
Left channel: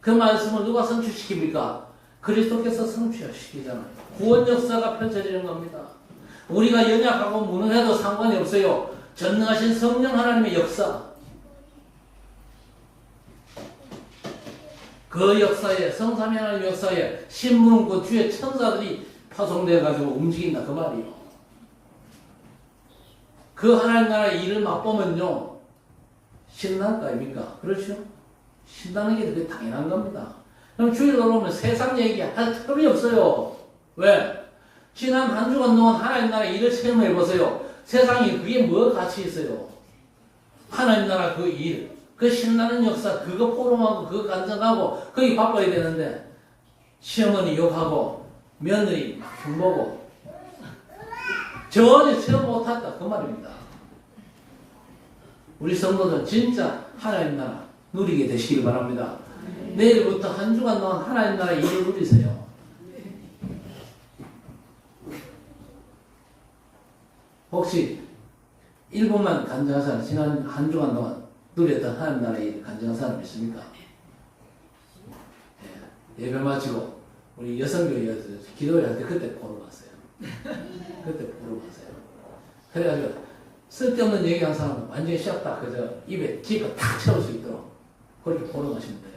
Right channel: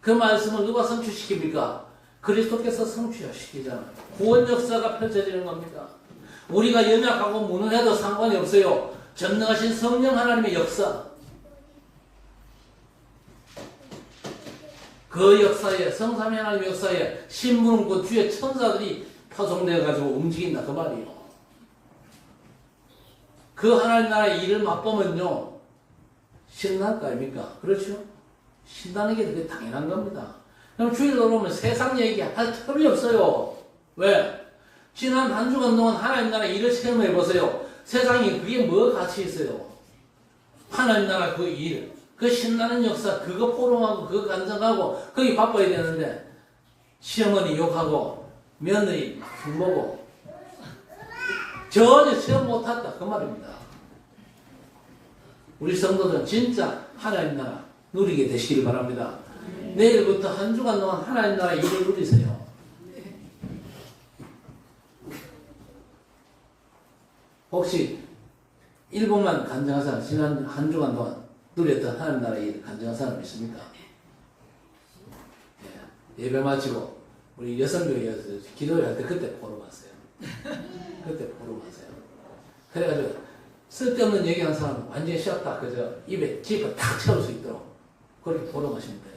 그 말씀을 누가 성취시킵니까? 그리스도께서 성취시키잖아요. 구원 역사가 펼쳐지는 겁니다. 우리가 연약하고 무능해도 상관이 없어요. 전능하신 성령 하나님의 역사. 그 역사에, 성삼위 하나님의 역사에 신문 그 뒤에 천사들이 파송되어가지고 움직인다. 그 말이에요. 그 하나님 나라의 일을 맛보면요, 신날 거 아닙니까? 그렇죠? 신나는 게 되게 당연한 겁니다. 그럼 주일을 오면 세상 얘기 할 틈이 없어요. 왜? 지난 한 주간 동안 하나님 나라의 일을 체험해 보세요. 세상에 그게 뭐 가치 있어요? 하나님 나라 그 일, 그 신나는 역사, 그거 포럼하고, 그거 간증하고, 거기 바빠야 되는데, 시어머니 욕하고, 며느리 막 흉보고, 전혀 체험 못했다. 그 말입니다. 우리 성도들은 진짜 하나님 나라 누리게 되시길 바랍니다. 내일부터 한 주간 동안 하나님 나라 일을 누리세요. 혹시 1분만 간증한 사람, 지난 한 주간 동안 누렸던 하나님 나라 일 간증한 사람 있습니까? 예배 마치고 우리 여성교회에서 기도를 할 때 그때 보러 갔어요. 그때 보러 갔어요. 그래가지고 쓸데없는 얘기한 사람은 완전히 쉬었다. 그저 입에 집어 탁 채울 수 있도록 그렇게 보러 가시면 돼요.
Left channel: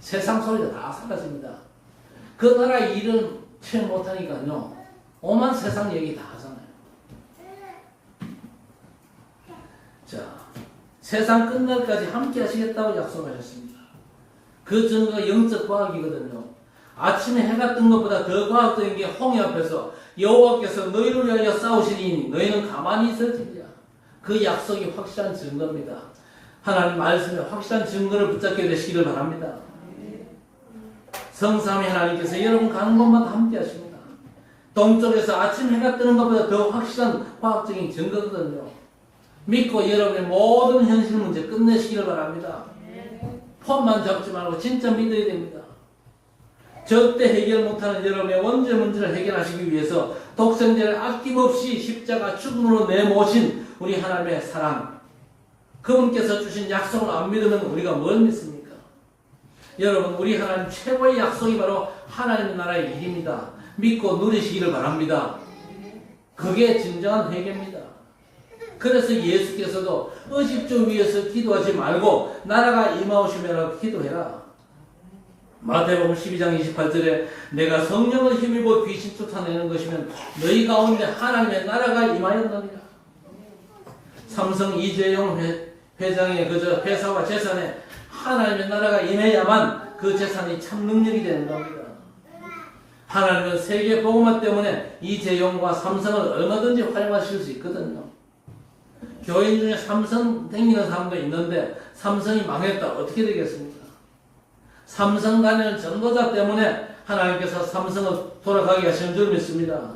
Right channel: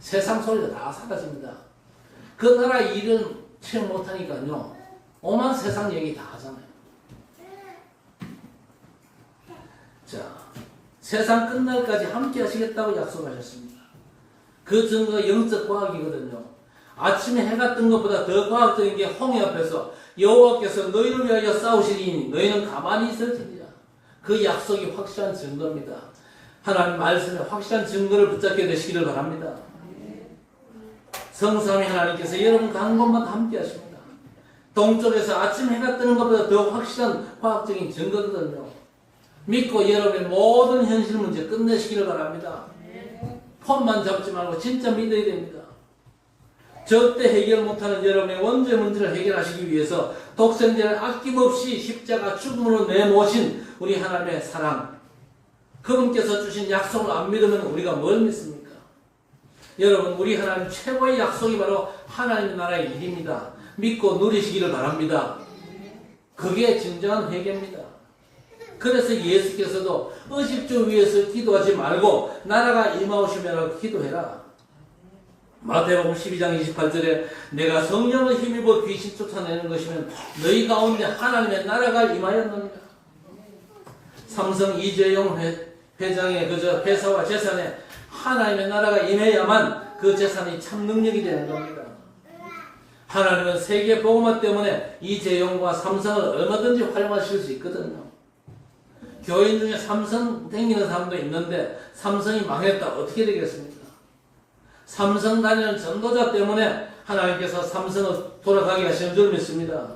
세상 소리도 다 사라집니다. 그 나라 일은 체험 못하니까요. 오만 세상 얘기 다 하잖아요. 자, 세상 끝날까지 함께 하시겠다고 약속하셨습니다. 그 증거가 영적 과학이거든요. 아침에 해가 뜬 것보다 더 과학적인 게 홍해 앞에서 여호와께서 너희를 위하여 싸우시리니 너희는 가만히 있을지니라. 그 약속이 확실한 증거입니다. 하나님 말씀에 확실한 증거를 붙잡게 되시기를 바랍니다. 성삼위 하나님께서 여러분 가는 곳마다 함께 하십니다. 동쪽에서 아침 해가 뜨는 것보다 더 확실한 과학적인 증거거든요. 믿고 여러분의 모든 현실 문제 끝내시기를 바랍니다. 폰만 잡지 말고 진짜 믿어야 됩니다. 절대 해결 못하는 여러분의 원죄 문제를 해결하시기 위해서 독생자를 아낌없이 십자가 죽음으로 내모신 우리 하나님의 사랑, 그분께서 주신 약속을 안 믿으면 우리가 뭘 믿습니까? 여러분, 우리 하나님 최고의 약속이 바로 하나님 나라의 일입니다. 믿고 누리시기를 바랍니다. 그게 진정한 회개입니다. 그래서 예수께서도 의식주 위에서 기도하지 말고 나라가 임하오시면 기도해라. 마태복음 12장 28절에 내가 성령을 힘입어 귀신 쫓아내는 것이면 너희 가운데 하나님의 나라가 임하였느니라. 삼성 이재용 회장의 그저 회사와 재산에 하나님의 나라가 임해야만 그 재산이 참 능력이 되는 겁니다. 하나님은 세계 복음화 때문에 이재용과 삼성을 얼마든지 활용하실 수 있거든요. 교인 중에 삼성 댕기는 사람도 있는데 삼성이 망했다. 어떻게 되겠습니까? 삼성 다니는 전도자 때문에 하나님께서 삼성을 돌아가게 하시는 줄 믿습니다.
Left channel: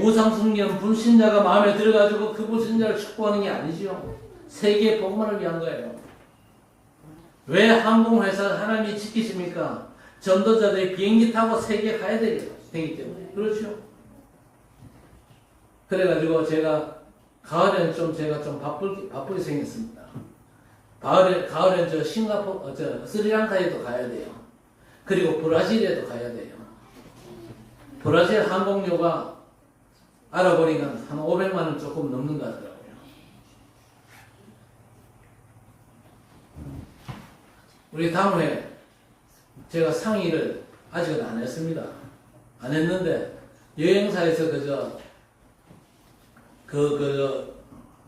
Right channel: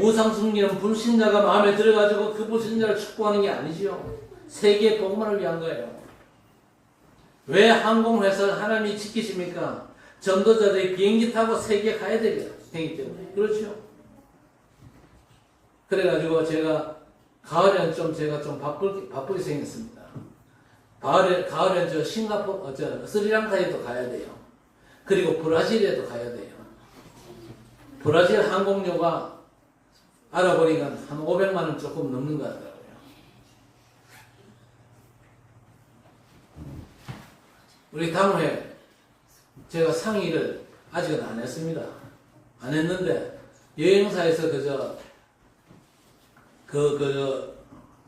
우상 숭배는 불신자가 마음에 들어가지고 그 불신자를 축복하는 게 아니지요. 세계 복음화를 위한 거예요. 왜 항공회사를 하나님이 지키십니까? 전도자들이 비행기 타고 세계에 가야 되기 때문에. 그렇죠? 그래가지고 제가 가을에는 제가 좀 바쁘게 생겼습니다. 가을엔 저 싱가포르, 스리랑카에도 가야 돼요. 그리고 브라질에도 가야 돼요. 브라질 항공료가 알아보니까 한 500만 원 조금 넘는 것 같더라고요. 우리 다음 회 제가 상의를 아직은 안 했습니다. 안 했는데 여행사에서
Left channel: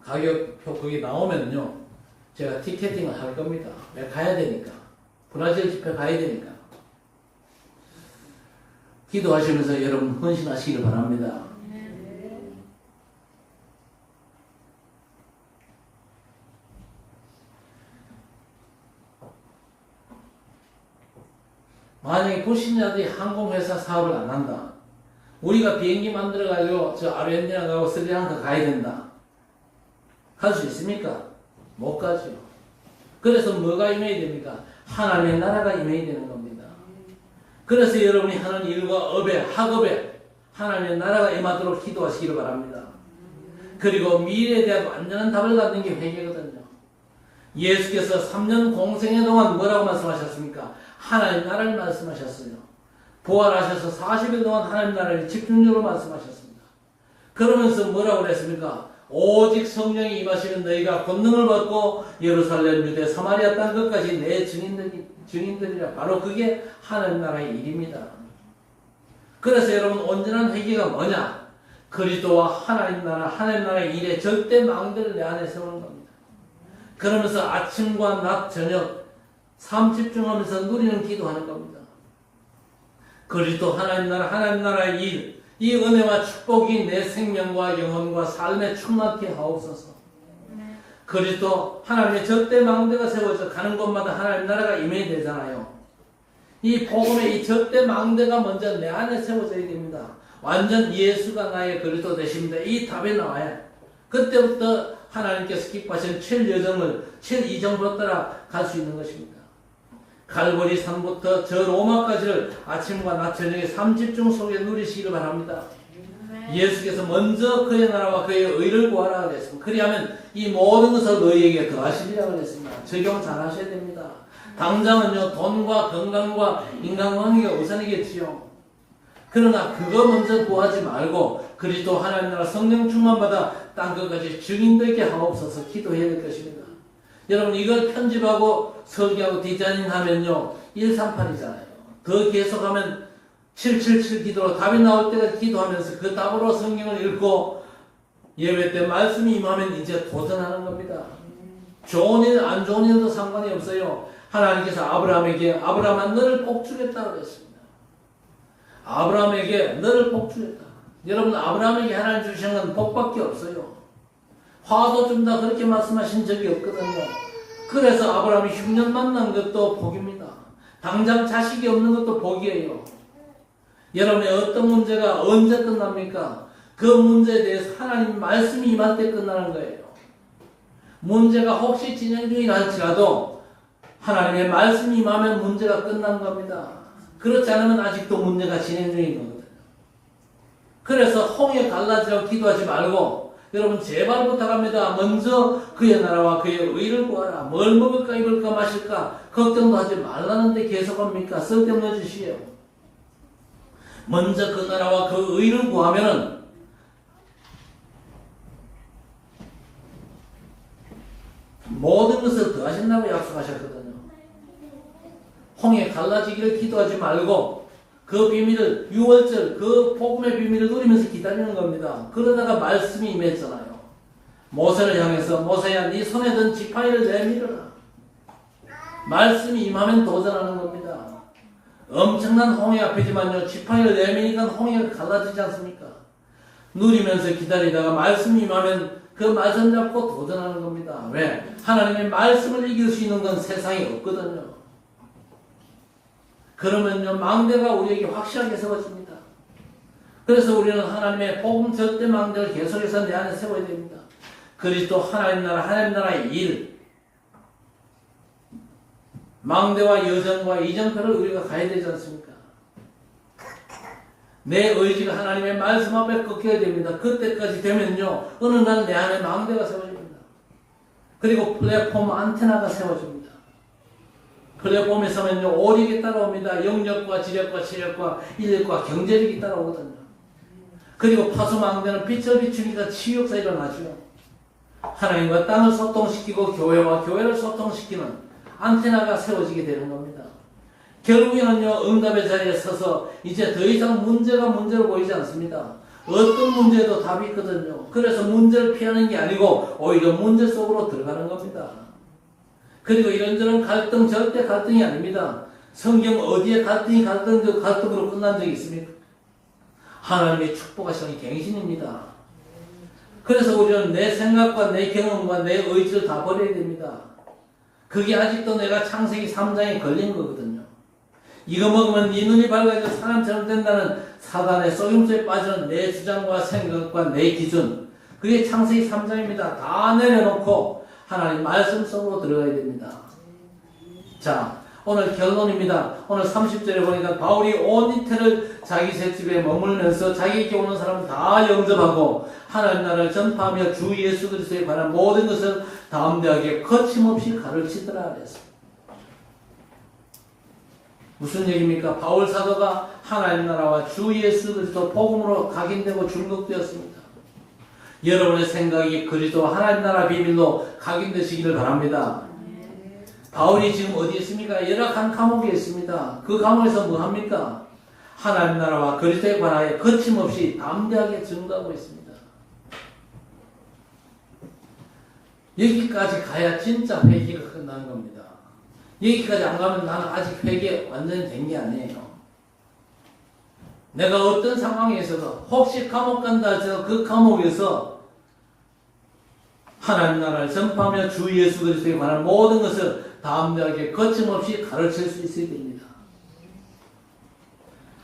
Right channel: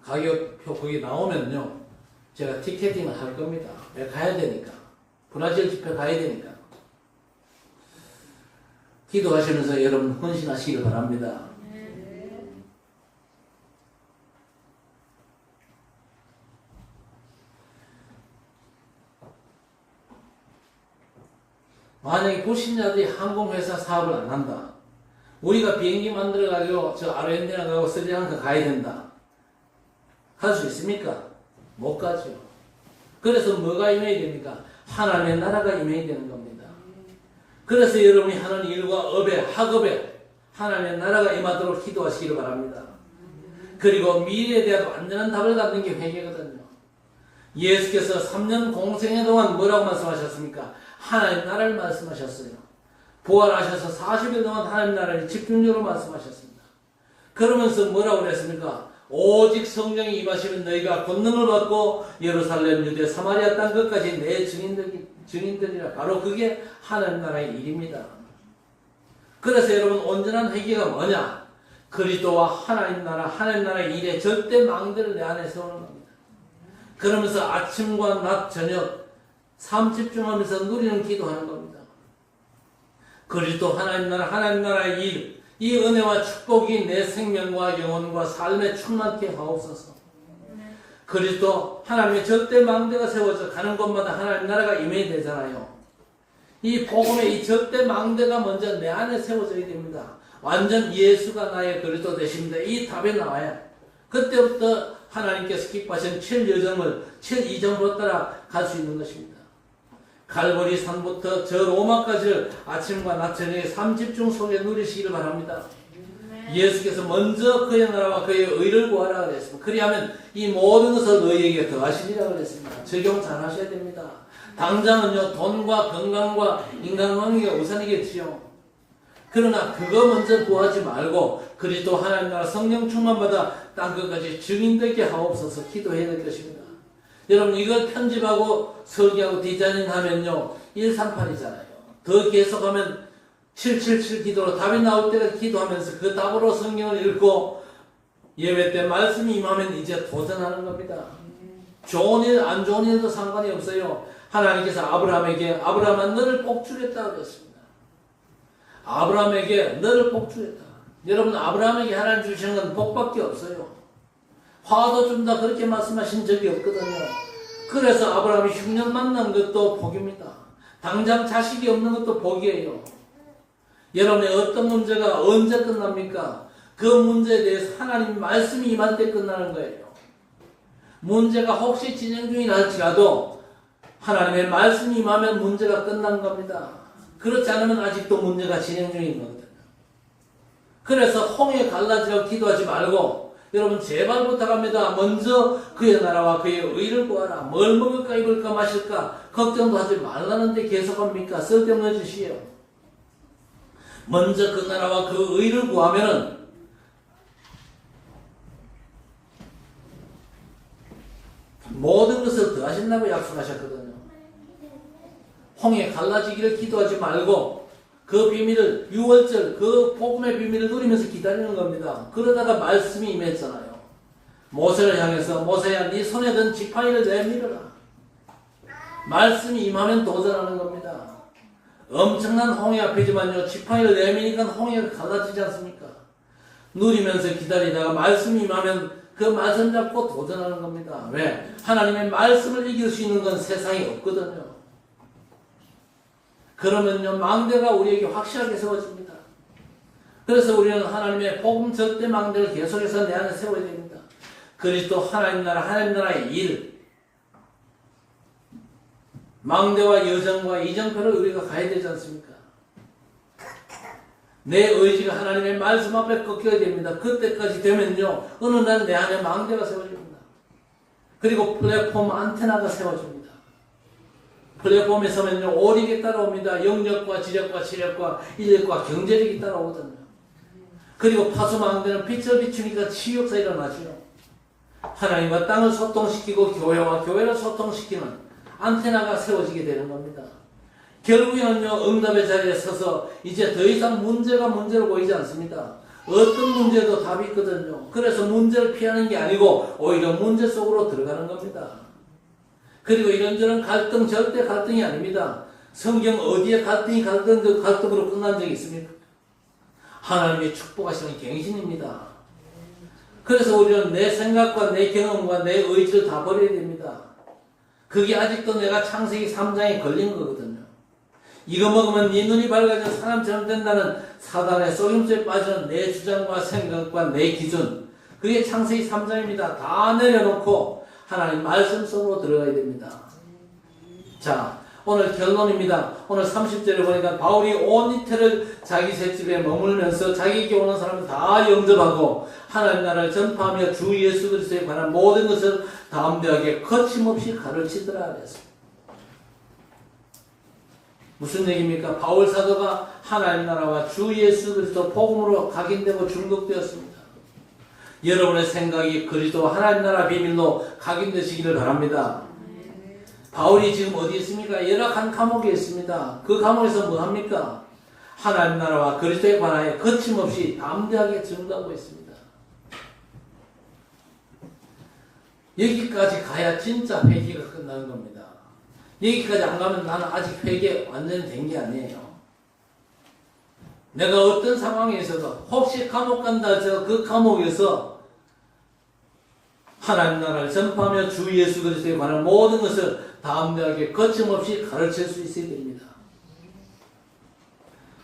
가격표 그게 나오면요. 제가 티켓팅을 할 겁니다. 왜 가야 되니까. 브라질 집회 가야 되니까. 기도하시면서 여러분 헌신하시기 바랍니다. 만약에 불신자들이 항공회사 사업을 안 한다. 우리가 비행기 만들어가지고 저 아르헨티나 가고 스리랑카 가야 된다. 갈 수 있습니까? 못 가죠. 그래서 뭐가 임해야 됩니까? 하나님의 나라가 임해야 되는 겁니다. 그래서 여러분이 하는 일과 업에, 학업에 하나님의 나라가 임하도록 기도하시기를 바랍니다. 그리고 미래에 대한 완전한 답을 갖는 게 회개거든요. 예수께서 3년 공생애 동안 뭐라고 말씀하셨습니까? 하나님 나라를 말씀하셨어요. 부활하셔서 40일 동안 하나님 나라를 집중적으로 말씀하셨습니다. 그러면서 뭐라고 그랬습니까? 오직 성령이 임하시면 너희가 권능을 받고 예루살렘, 유대, 사마리아 땅 끝까지 내 증인들이라. 바로 그게 하나님 나라의 일입니다. 그래서 여러분 온전한 회개가 뭐냐? 그리스도와 하나님 나라의 일에 절대 망대를 내 안에 세우는 겁니다. 그러면서 아침과 낮, 저녁 삶 집중하면서 누리는 기도하는 겁니다. 그리스도 하나님 나라의 일, 이 은혜와 축복이 내 생명과 영혼과 삶에 충만케 하옵소서. 그리스도 하나님의 절대 망대가 세워져 가는 곳마다 하나님 나라가 임해야 되잖아요. 이 복음의 이 절대 망대가 먼저 내 안에 세워져야 됩니다. 완전 예수가 나의 그리스도 되십니다. 이 답이 나와요. 그때부터 하나님께서 기뻐하신 7이정으로 따라 갈 수 있는 것입니다. 갈보리 산부터 저 로마까지를 아침과 낮 저녁에 삼집중 속에 누리시기를 바랍니다. 예수께서 먼저 그의 나라와 그의 의를 구하라 그랬습니다. 그리하면 이 모든 것을 너희에게 더하시리라 그랬습니다. 적용 잘 하셔야 됩니다. 당장은요 돈과 건강과 인간관계가 우선이겠지요. 그러나 그거 먼저 구하지 말고 그리스도 하나님 나라 성령 충만받아 땅끝까지 증인되게 하옵소서 기도해야 될 것입니다. 여러분 이걸 편집하고 설계하고 디자인 하면요 138이잖아요. 더 계속하면 777 기도로 답이 나올 때까지 기도하면서 그 답으로 성경을 읽고 예배 때 말씀이 임하면 이제 도전하는 겁니다. 좋은 일 안 좋은 일도 상관이 없어요. 하나님께서 아브라함에게 아브라함아 너를 복주겠다 그랬습니다. 아브라함에게 너를 복주겠다. 여러분 아브라함에게 하나님 주시는 건 복밖에 없어요. 화도 준다 그렇게 말씀하신 적이 없거든요. 그래서 아브라함이 흉년 만난 것도 복입니다. 당장 자식이 없는 것도 복이에요. 여러분의 어떤 문제가 언제 끝납니까? 그 문제에 대해서 하나님 말씀이 임할 때 끝나는 거예요. 문제가 혹시 진행 중이라 할지라도 하나님의 말씀이 임하면 문제가 끝난 겁니다. 그렇지 않으면 아직도 문제가 진행 중인 거거든요. 그래서 홍해 갈라지라고 기도하지 말고 여러분 제발 부탁합니다. 먼저 그의 나라와 그의 의를 구하라. 뭘 먹을까 입을까 마실까 걱정도 하지 말라는데 계속합니까? 쓸데없는 짓이에요. 먼저 그 나라와 그 의를 구하면은 모든 것을 더하신다고 약속하셨거든요. 홍해 갈라지기를 기도하지 말고 그 비밀을 6월절 그 복음의 비밀을 누리면서 기다리는 겁니다. 그러다가 말씀이 임했잖아요. 모세를 향해서 모세야 네 손에 든 지팡이를 내밀어라. 말씀이 임하면 도전하는 겁니다. 엄청난 홍해 앞이지만요 지팡이를 내미니까 홍해가 갈라지지 않습니까? 누리면서 기다리다가 말씀이 임하면 그 말씀 잡고 도전하는 겁니다. 왜? 하나님의 말씀을 이길 수 있는 건 세상에 없거든요. 그러면요 망대가 우리에게 확실하게 세워집니다. 그래서 우리는 하나님의 복음 절대 망대를 계속해서 내 안에 세워야 됩니다. 그리스도 하나님 나라의 일 망대와 여정과 이정표를 우리가 가야 되지 않습니까? 내 의지가 하나님의 말씀 앞에 꺾여야 됩니다. 그때까지 되면요 어느 날 내 안에 망대가 세워집니다. 그리고 플랫폼 안테나가 세워집니다. 플랫폼에 서면요 오력이 따라옵니다. 영력과 지력과 체력과 인력과 경제력이 따라오거든요. 그리고 파수망대는 빛을 비추니까 치유가 일어나죠. 하나님과 땅을 소통시키고 교회와 교회를 소통시키는 안테나가 세워지게 되는 겁니다. 결국에는요 응답의 자리에 서서 이제 더 이상 문제가 문제로 보이지 않습니다. 어떤 문제도 답이 있거든요. 그래서 문제를 피하는 게 아니고 오히려 문제 속으로 들어가는 겁니다. 그리고 이런저런 갈등 절대 갈등이 아닙니다. 성경 어디에 갈등으로 끝난 적이 있습니까? 하나님의 축복하시는 갱신입니다. 그래서 우리는 내 생각과 내 경험과 내 의지를 다 버려야 됩니다. 그게 아직도 내가 창세기 3장에 걸린 거거든요. 이거 먹으면 네 눈이 밝아져 사람처럼 된다는 사단의 속임수에 빠지는 내 주장과 생각과 내 기준, 그게 창세기 3장입니다. 다 내려놓고 하나님 말씀 속으로 들어가야 됩니다. 자, 오늘 결론입니다. 오늘 30절에 보니까 바울이 온 이틀을 자기 셋집에 머물면서 자기에게 오는 사람을 다 영접하고 하나님 나라를 전파하며 주 예수 그리스도에 관한 모든 것을 담대하게 거침없이 가르치더라 그랬습니다. 무슨 얘기입니까? 바울 사도가 하나님 나라와 주 예수 그리스도 복음으로 각인되고 중독되었습니다. 여러분의 생각이 그리스도 하나님 나라 비밀로 각인되시기를 바랍니다. 바울이 지금 어디 있습니까? 열악한 감옥에 있습니다. 그 감옥에서 뭐 합니까? 하나님 나라와 그리스도의 관하에 거침없이 담대하게 증거하고 있습니다. 여기까지 가야 진짜 회개가 끝나는 겁니다. 여기까지 안 가면 나는 아직 회개 완전히 된 게 아니에요. 내가 어떤 상황에서도 혹시 감옥 간다 해서 그 감옥에서 하나님 나라를 전파하며 주 예수 그리스도에 관한 모든 것을 담대하게 거침없이 가르칠 수 있어야 됩니다.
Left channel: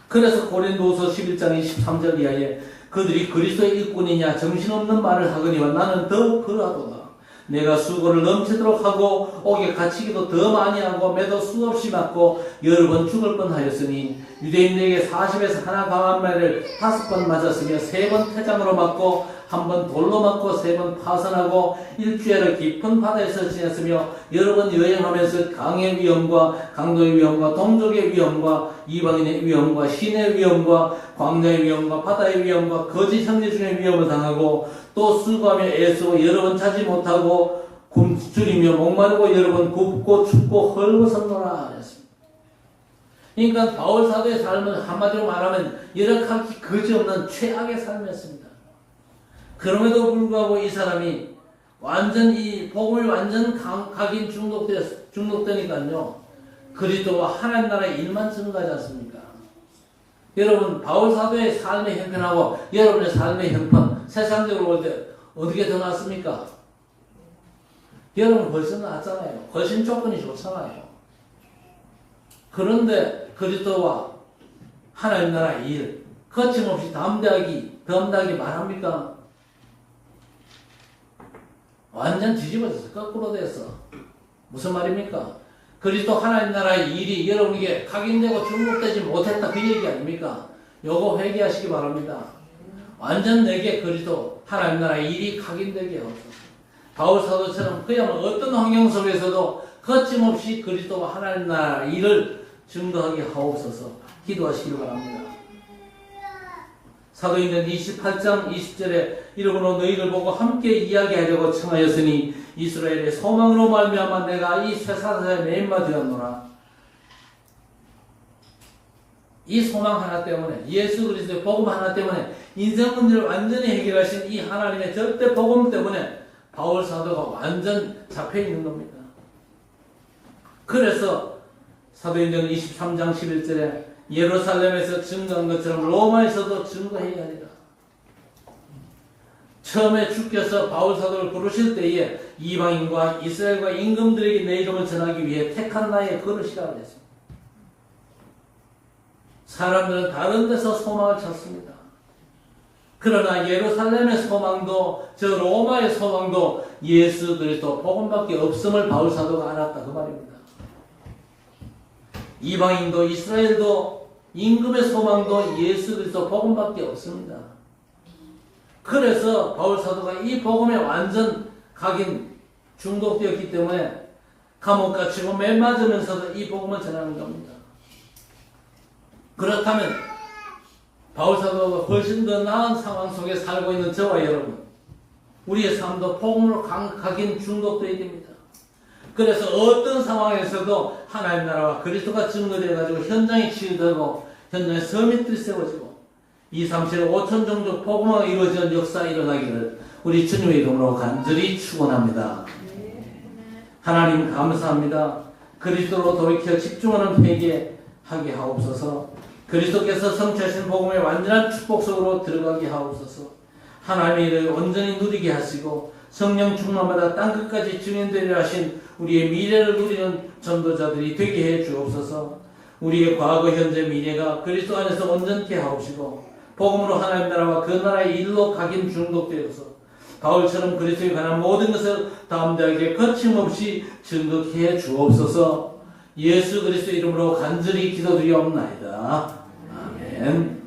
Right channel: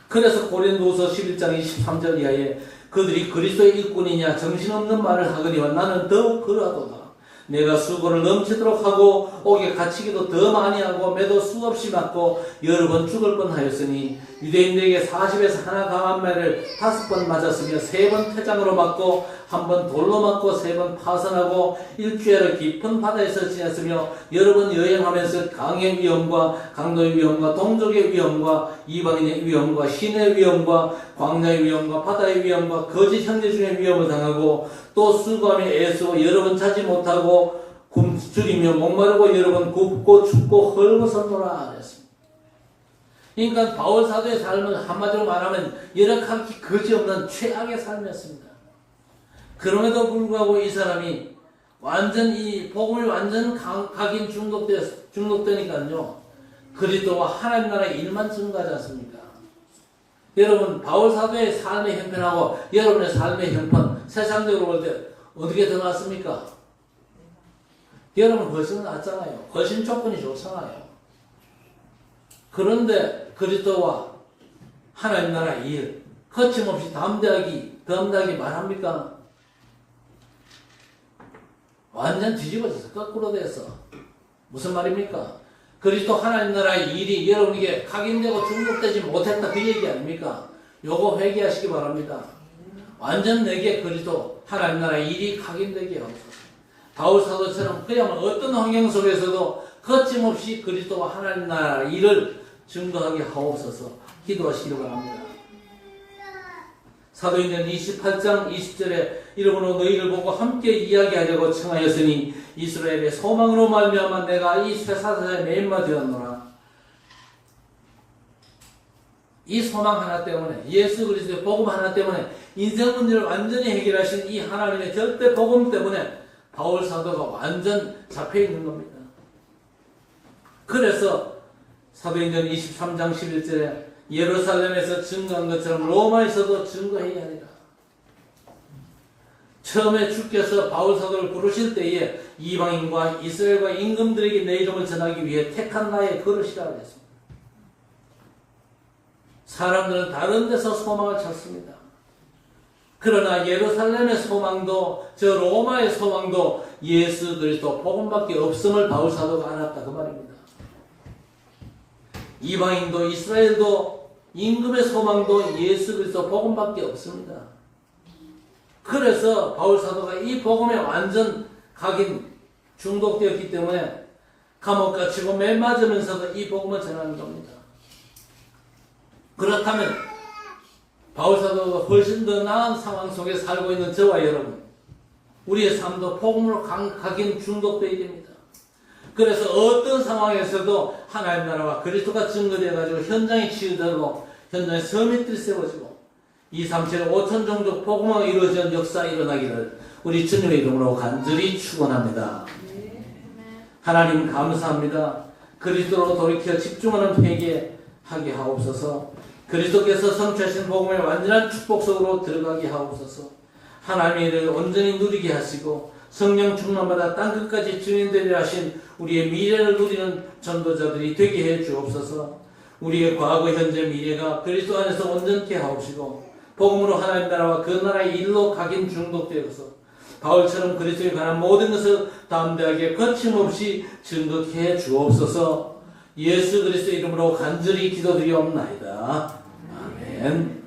그래서 고린도후서 11장 23절 이하에 그들이 그리스도의 일꾼이냐 정신없는 말을 하거니와 나는 더욱 그러하도다. 내가 수고를 넘치도록 하고 옥에 갇히기도 더 많이 하고 매도 수없이 맞고 여러 번 죽을 뻔하였으니 유대인들에게 40에서 하나 강한 말을 5번 맞았으며 3번 퇴장으로 맞고 1번 돌로 맞고 3번 파선하고 일주일을 깊은 바다에서 지냈으며 여러 번 여행하면서 강의 위험과 강도의 위험과 동족의 위험과 이방인의 위험과 신의 위험과 광야의 위험과 바다의 위험과 거짓 형제 중의 위험을 당하고 또 수고하며 애쓰고 여러 번 자지 못하고 굶주리며 목마르고 여러 번 굽고 춥고 헐벗었노라 그랬습니다. 그러니까 바울 사도의 삶은 한마디로 말하면 열악하기 그지없는 최악의 삶이었습니다. 그럼에도 불구하고 이 사람이 완전 이 복음을 완전 각인 중독되니까요. 그리스도와 하나님 나라의 일만 증거하지 않습니까? 여러분 바울 사도의 삶의 형편하고 여러분의 삶의 형편 세상적으로 볼 때 어떻게 더 낫습니까? 여러분 훨씬 낫잖아요. 훨씬 조건이 좋잖아요. 그런데 그리스도와 하나님 나라 일 거침없이 담대하게 말합니까? 완전 뒤집어져서 거꾸로 됐어. 무슨 말입니까? 그리스도 하나님 나라의 일이 여러분에게 각인되고 중독되지 못했다 그 얘기 아닙니까? 요거 회개하시기 바랍니다. 완전 내게 그리스도 하나님 나라의 일이 각인되게 하옵소서. 바울 사도처럼 그야말로 어떤 환경 속에서도 거침없이 그리스도와 하나님 나라 일을 증거하게 하옵소서. 기도하시기 바랍니다. 사도행전 28장 20절에 이러므로 너희를 보고 함께 이야기하려고 청하였으니 이스라엘의 소망으로 말미암아 내가 이 쇠사자의 매인마 되었노라. 이 소망 하나 때문에 예수 그리스도의 복음 하나 때문에 인생 문제를 완전히 해결하신 이 하나님의 절대 복음 때문에 바울 사도가 완전 잡혀있는 겁니다. 그래서 사도행전 23장 11절에 예루살렘에서 증거한 것처럼 로마에서도 증거해야 하니라. 처음에 주께서 바울 사도를 부르실 때에 이방인과 이스라엘과 임금들에게 내 이름을 전하기 위해 택한 나의 그릇이라고 했습니다. 사람들은 다른 데서 소망을 찾습니다. 그러나 예루살렘의 소망도 저 로마의 소망도 예수 그리스도 복음밖에 없음을 바울 사도가 알았다 그 말입니다. 이방인도 이스라엘도 임금의 소망도 예수 그리스도 복음밖에 없습니다. 그래서 바울 사도가 이 복음에 완전 각인 중독되었기 때문에 감옥 갇히고 맨 맞으면서도 이 복음을 전하는 겁니다. 그렇다면 바울 사도가 훨씬 더 나은 상황 속에 살고 있는 저와 여러분, 우리의 삶도 복음으로 각인 중독되어야 됩니다. 그래서 어떤 상황에서도 하나님 나라와 그리스도가 증거되어가지고 현장이 치유되고 현장에 서밋들이 세워지고 2, 3, 7, 5천 종족 복음화가 이루어진 역사가 일어나기를 우리 주님의 이름으로 간절히 축원합니다. 하나님 감사합니다. 그리스도로 돌이켜 집중하는 회개하게 하옵소서. 그리스도께서 성취하신 복음의 완전한 축복 속으로 들어가게 하옵소서. 하나님의 은혜를 온전히 누리게 하시고 성령 충만마다 땅끝까지 증인되리라 하신 우리의 미래를 누리는 전도자들이 되게 해 주옵소서. 우리의 과거, 현재, 미래가 그리스도 안에서 온전케 하옵시고 복음으로 하나님 나라와 그 나라의 일로 각인 중독되어서 바울처럼 그리스도에 관한 모든 것을 담대하게 거침없이 증거해 주옵소서. 예수 그리스도 이름으로 간절히 기도드리옵나이다. 아멘.